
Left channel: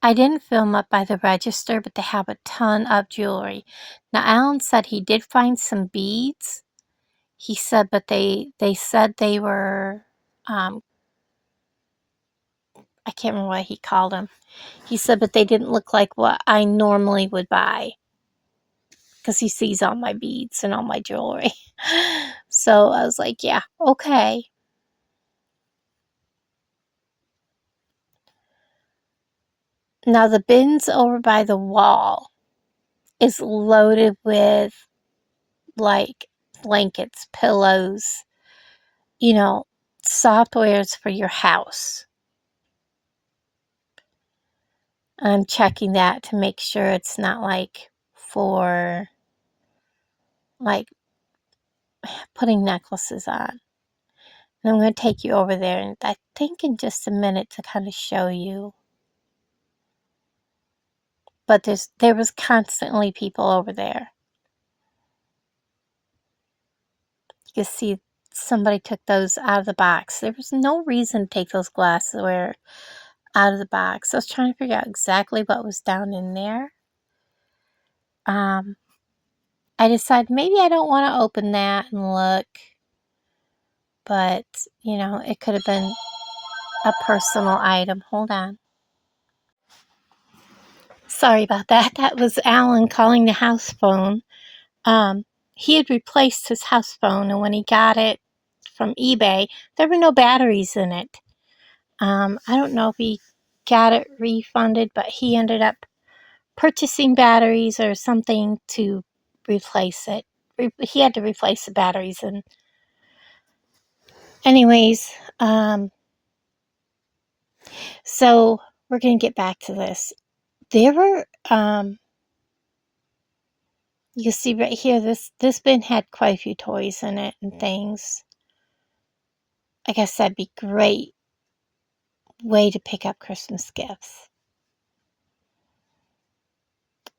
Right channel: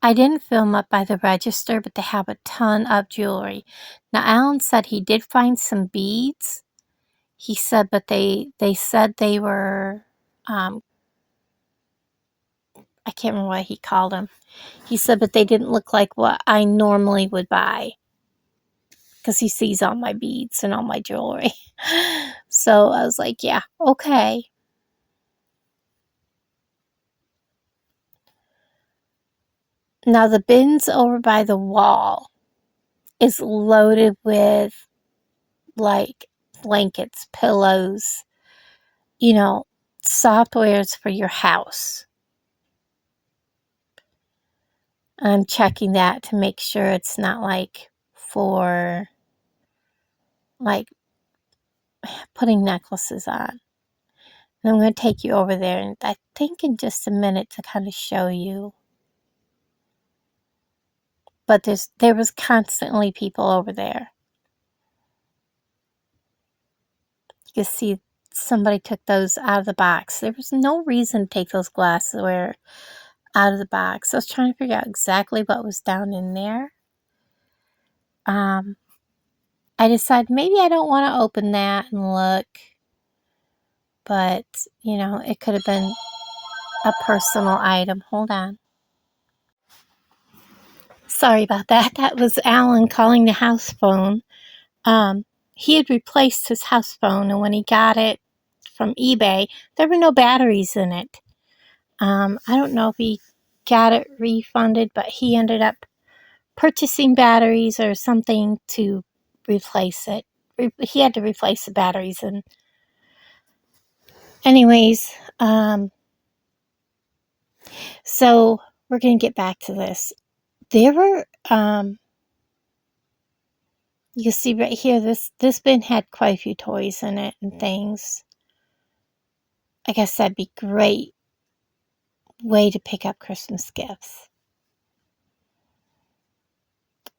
I didn't film up by the register, but they have a ton of jewelry. Now, Alan said he did find some beads. He said, but they said they were, I can't remember what he called them. He said, but they didn't look like what I normally would buy. Because he sees all my beads and all my jewelry. So I was like, yeah, okay. Now the bins over by the wall is loaded with like blankets, pillows, you know, softwares for your house. I'm checking that to make sure it's not like for like putting necklaces on. And I'm going to take you over there, and I think in just a minute to kind of show you. But there was constantly people over there. You can see somebody took those out of the box. There was no reason to take those glassware out of the box. I was trying to figure out exactly what was down in there. I decided maybe I don't want to open that and look. But, you know, it could have been a personal item. Hold on. Sorry about that. That was Alan calling the house phone. He had replaced his house phone, and when he got it from eBay, there were no batteries in it. I don't know if he got it refunded, but he ended up purchasing batteries or something to replace it. He had to replace the batteries, and anyways, so we're going to get back to this. There were, you see right here, this bin had quite a few toys in it and things. Like I said, be great way to pick up Christmas gifts.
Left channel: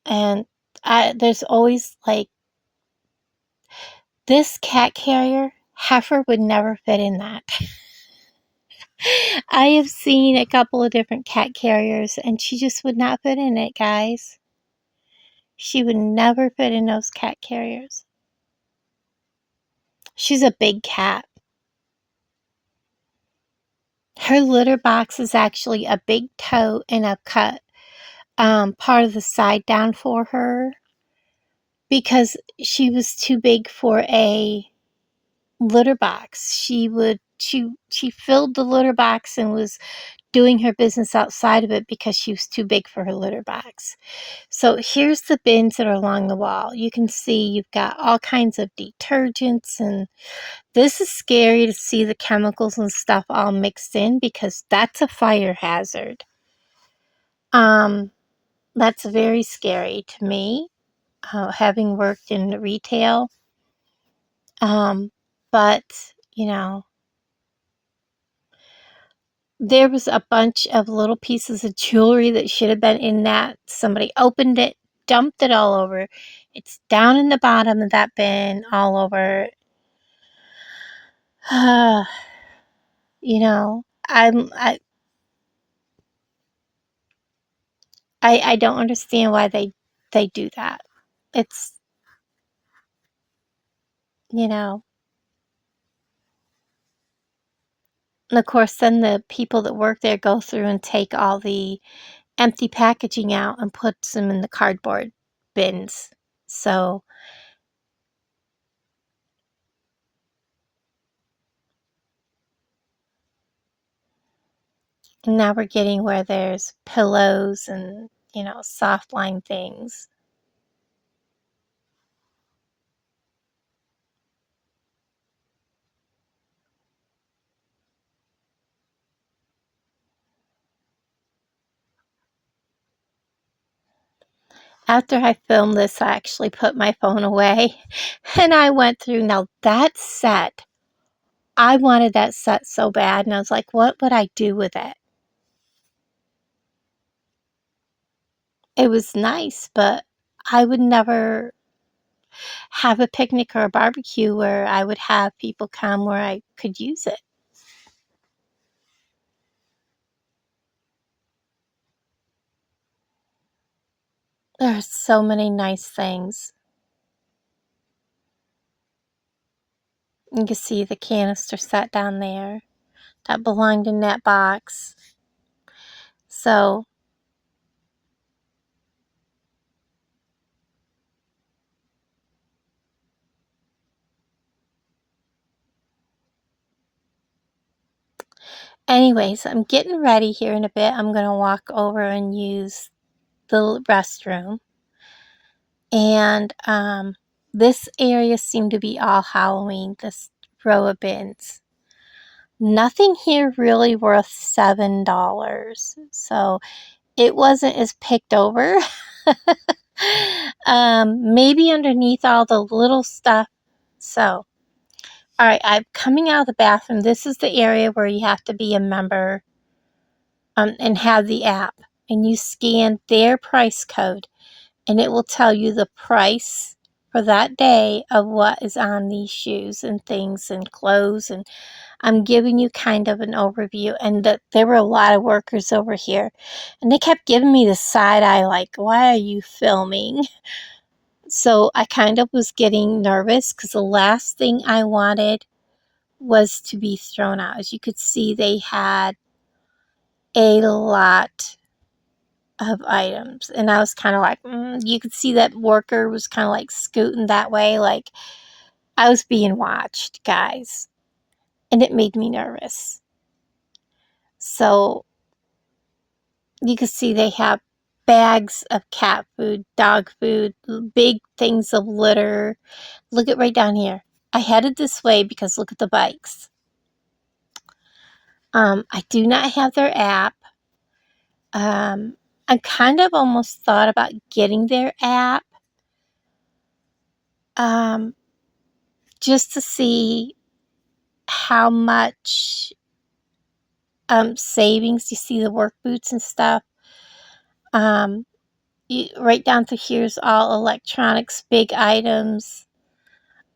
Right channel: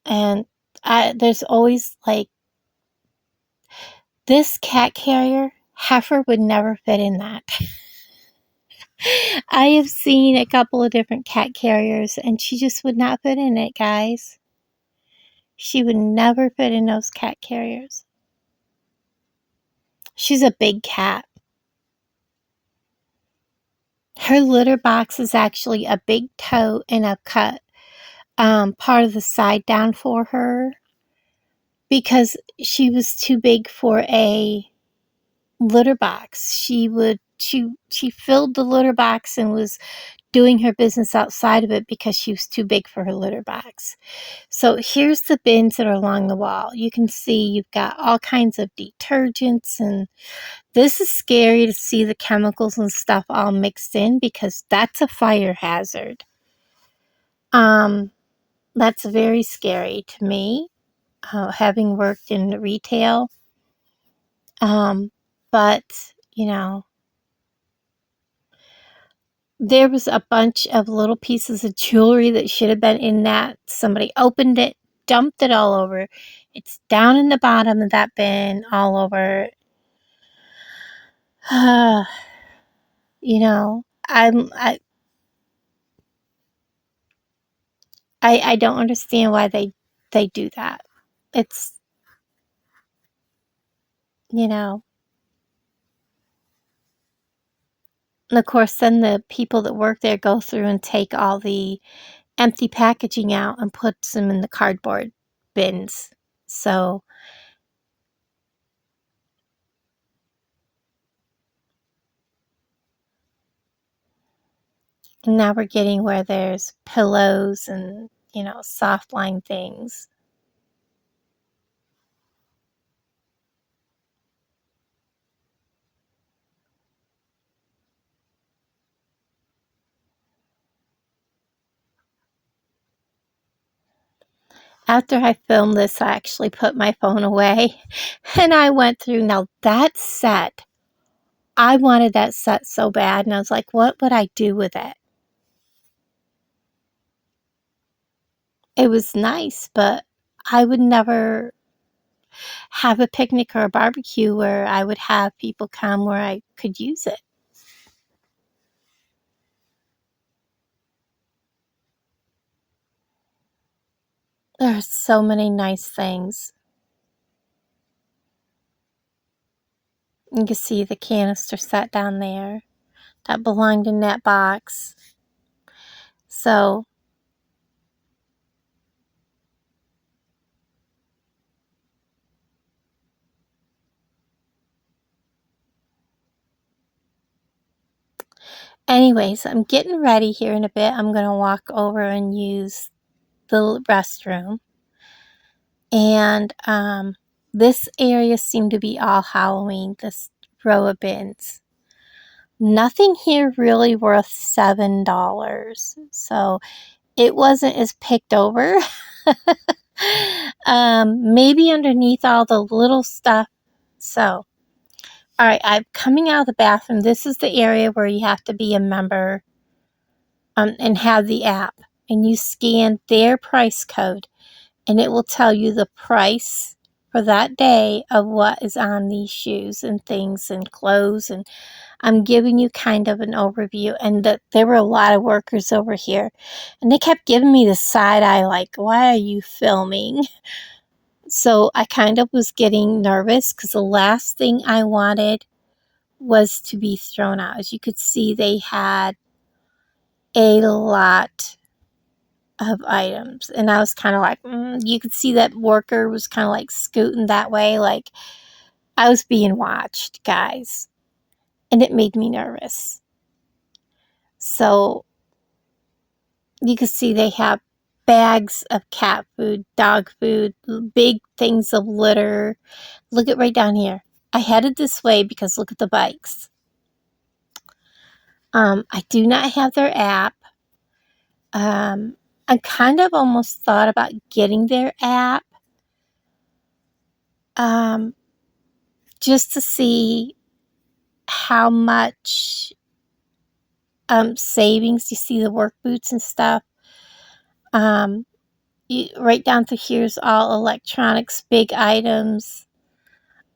And there's always like, this cat carrier, Heifer would never fit in that. I have seen a couple of different cat carriers, and she just would not fit in it, guys. She would never fit in those cat carriers. She's a big cat. Her litter box is actually a big tote and a cut part of the side down for her because she was too big for a litter box. She filled the litter box and was doing her business outside of it because she was too big for her litter box. So here's the bins that are along the wall. You can see you've got all kinds of detergents, and this is scary to see the chemicals and stuff all mixed in because that's a fire hazard. That's very scary to me, having worked in retail. But, you know, there was a bunch of little pieces of jewelry that should have been in that. Somebody opened it, dumped it all over. It's down in the bottom of that bin all over. You know, I don't understand why they do that. It's, you know, and of course then the people that work there go through and take all the empty packaging out and puts them in the cardboard bins. So now we're getting where there's pillows and, you know, soft line things. After I filmed this, I actually put my phone away and I went through. Now that set, I wanted that set so bad, and I was like, what would I do with it? It was nice, but I would never have a picnic or a barbecue where I would have people come where I could use it. There are so many nice things. You can see the canister set down there that belonged in that box. So anyways, I'm getting ready here in a bit. I'm going to walk over and use the restroom. And this area seemed to be all Halloween, this row of bins. Nothing here really worth $7. So it wasn't as picked over. Maybe underneath all the little stuff. So, all right, I'm coming out of the bathroom. This is the area where you have to be a member and have the app. And you scan their price code, and it will tell you the price for that day of what is on these shoes and things and clothes. And I'm giving you kind of an overview, and that there were a lot of workers over here, and they kept giving me the side eye like, why are you filming? So I kind of was getting nervous because the last thing I wanted was to be thrown out. As you could see, they had a lot of items, and I was kind of like, you could see that worker was kind of like scooting that way, like I was being watched, guys, and it made me nervous. So you can see they have bags of cat food, dog food, big things of litter. Look at right down here. I headed this way because look at the bikes. I do not have their app. I kind of almost thought about getting their app just to see how much savings. You see the work boots and stuff. Right down to here's all electronics, big items.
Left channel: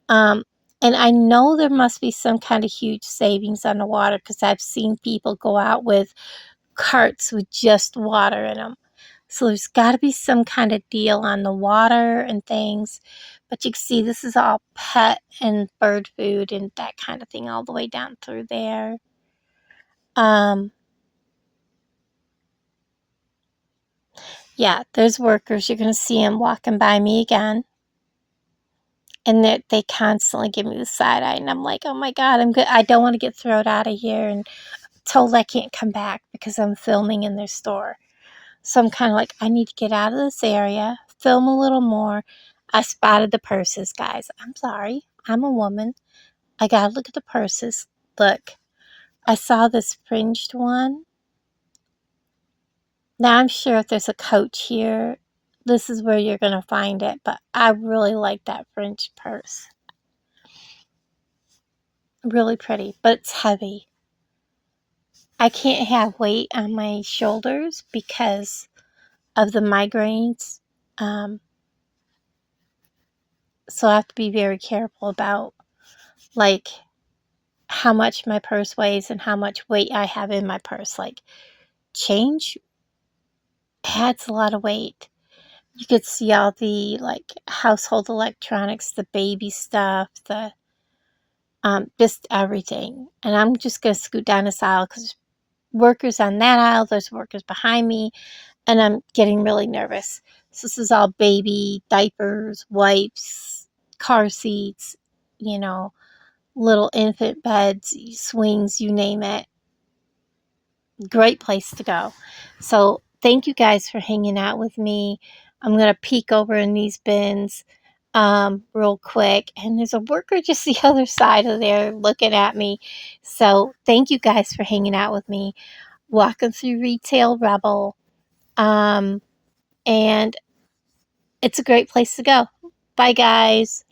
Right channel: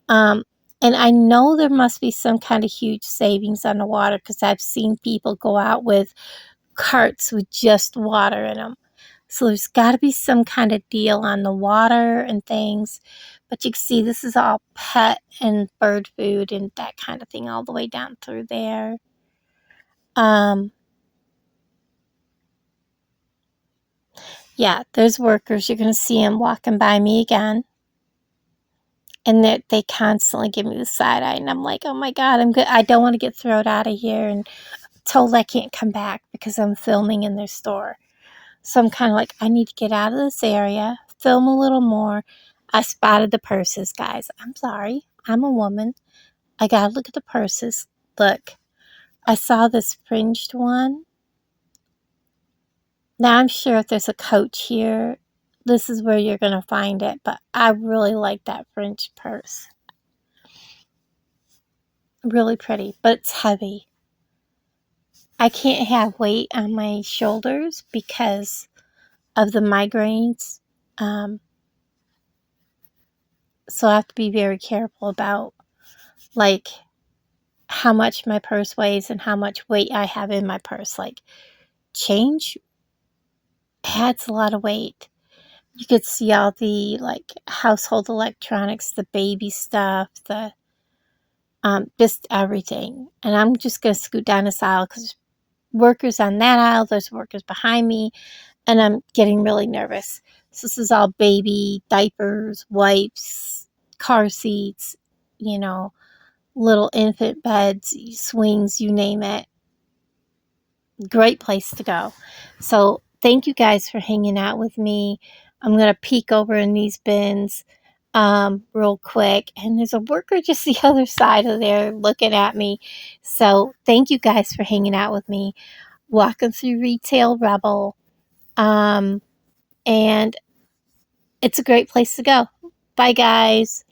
And I know there must be some kind of huge savings on the water because I've seen people go out with carts with just water in them. So there's got to be some kind of deal on the water and things. But you can see this is all pet and bird food and that kind of thing all the way down through there. Yeah, there's workers. You're going to see them walking by me again. And they constantly give me the side eye. And I'm like, oh my God, I'm good. I don't want to get thrown out of here and told I can't come back because I'm filming in their store. So I'm kind of like, I need to get out of this area, film a little more. I spotted the purses, guys. I'm sorry. I'm a woman. I gotta look at the purses. Look, I saw this fringed one. Now I'm sure if there's a Coach here, this is where you're gonna find it. But I really like that fringed purse. Really pretty, but it's heavy. I can't have weight on my shoulders because of the migraines. So I have to be very careful about, like, how much my purse weighs and how much weight I have in my purse. Like, change adds a lot of weight. You could see all the, like, household electronics, the baby stuff, the just everything. And I'm just gonna scoot down this aisle because workers on that aisle, there's workers behind me, and I'm getting really nervous. So this is all baby diapers, wipes, car seats, you know, little infant beds, swings, you name it. Great place to go. So thank you guys for hanging out with me. I'm going to peek over in these bins real quick. And there's a worker just the other side of there looking at me. So thank you guys for hanging out with me. Walking through Retail Rebel. And it's a great place to go. Bye, guys.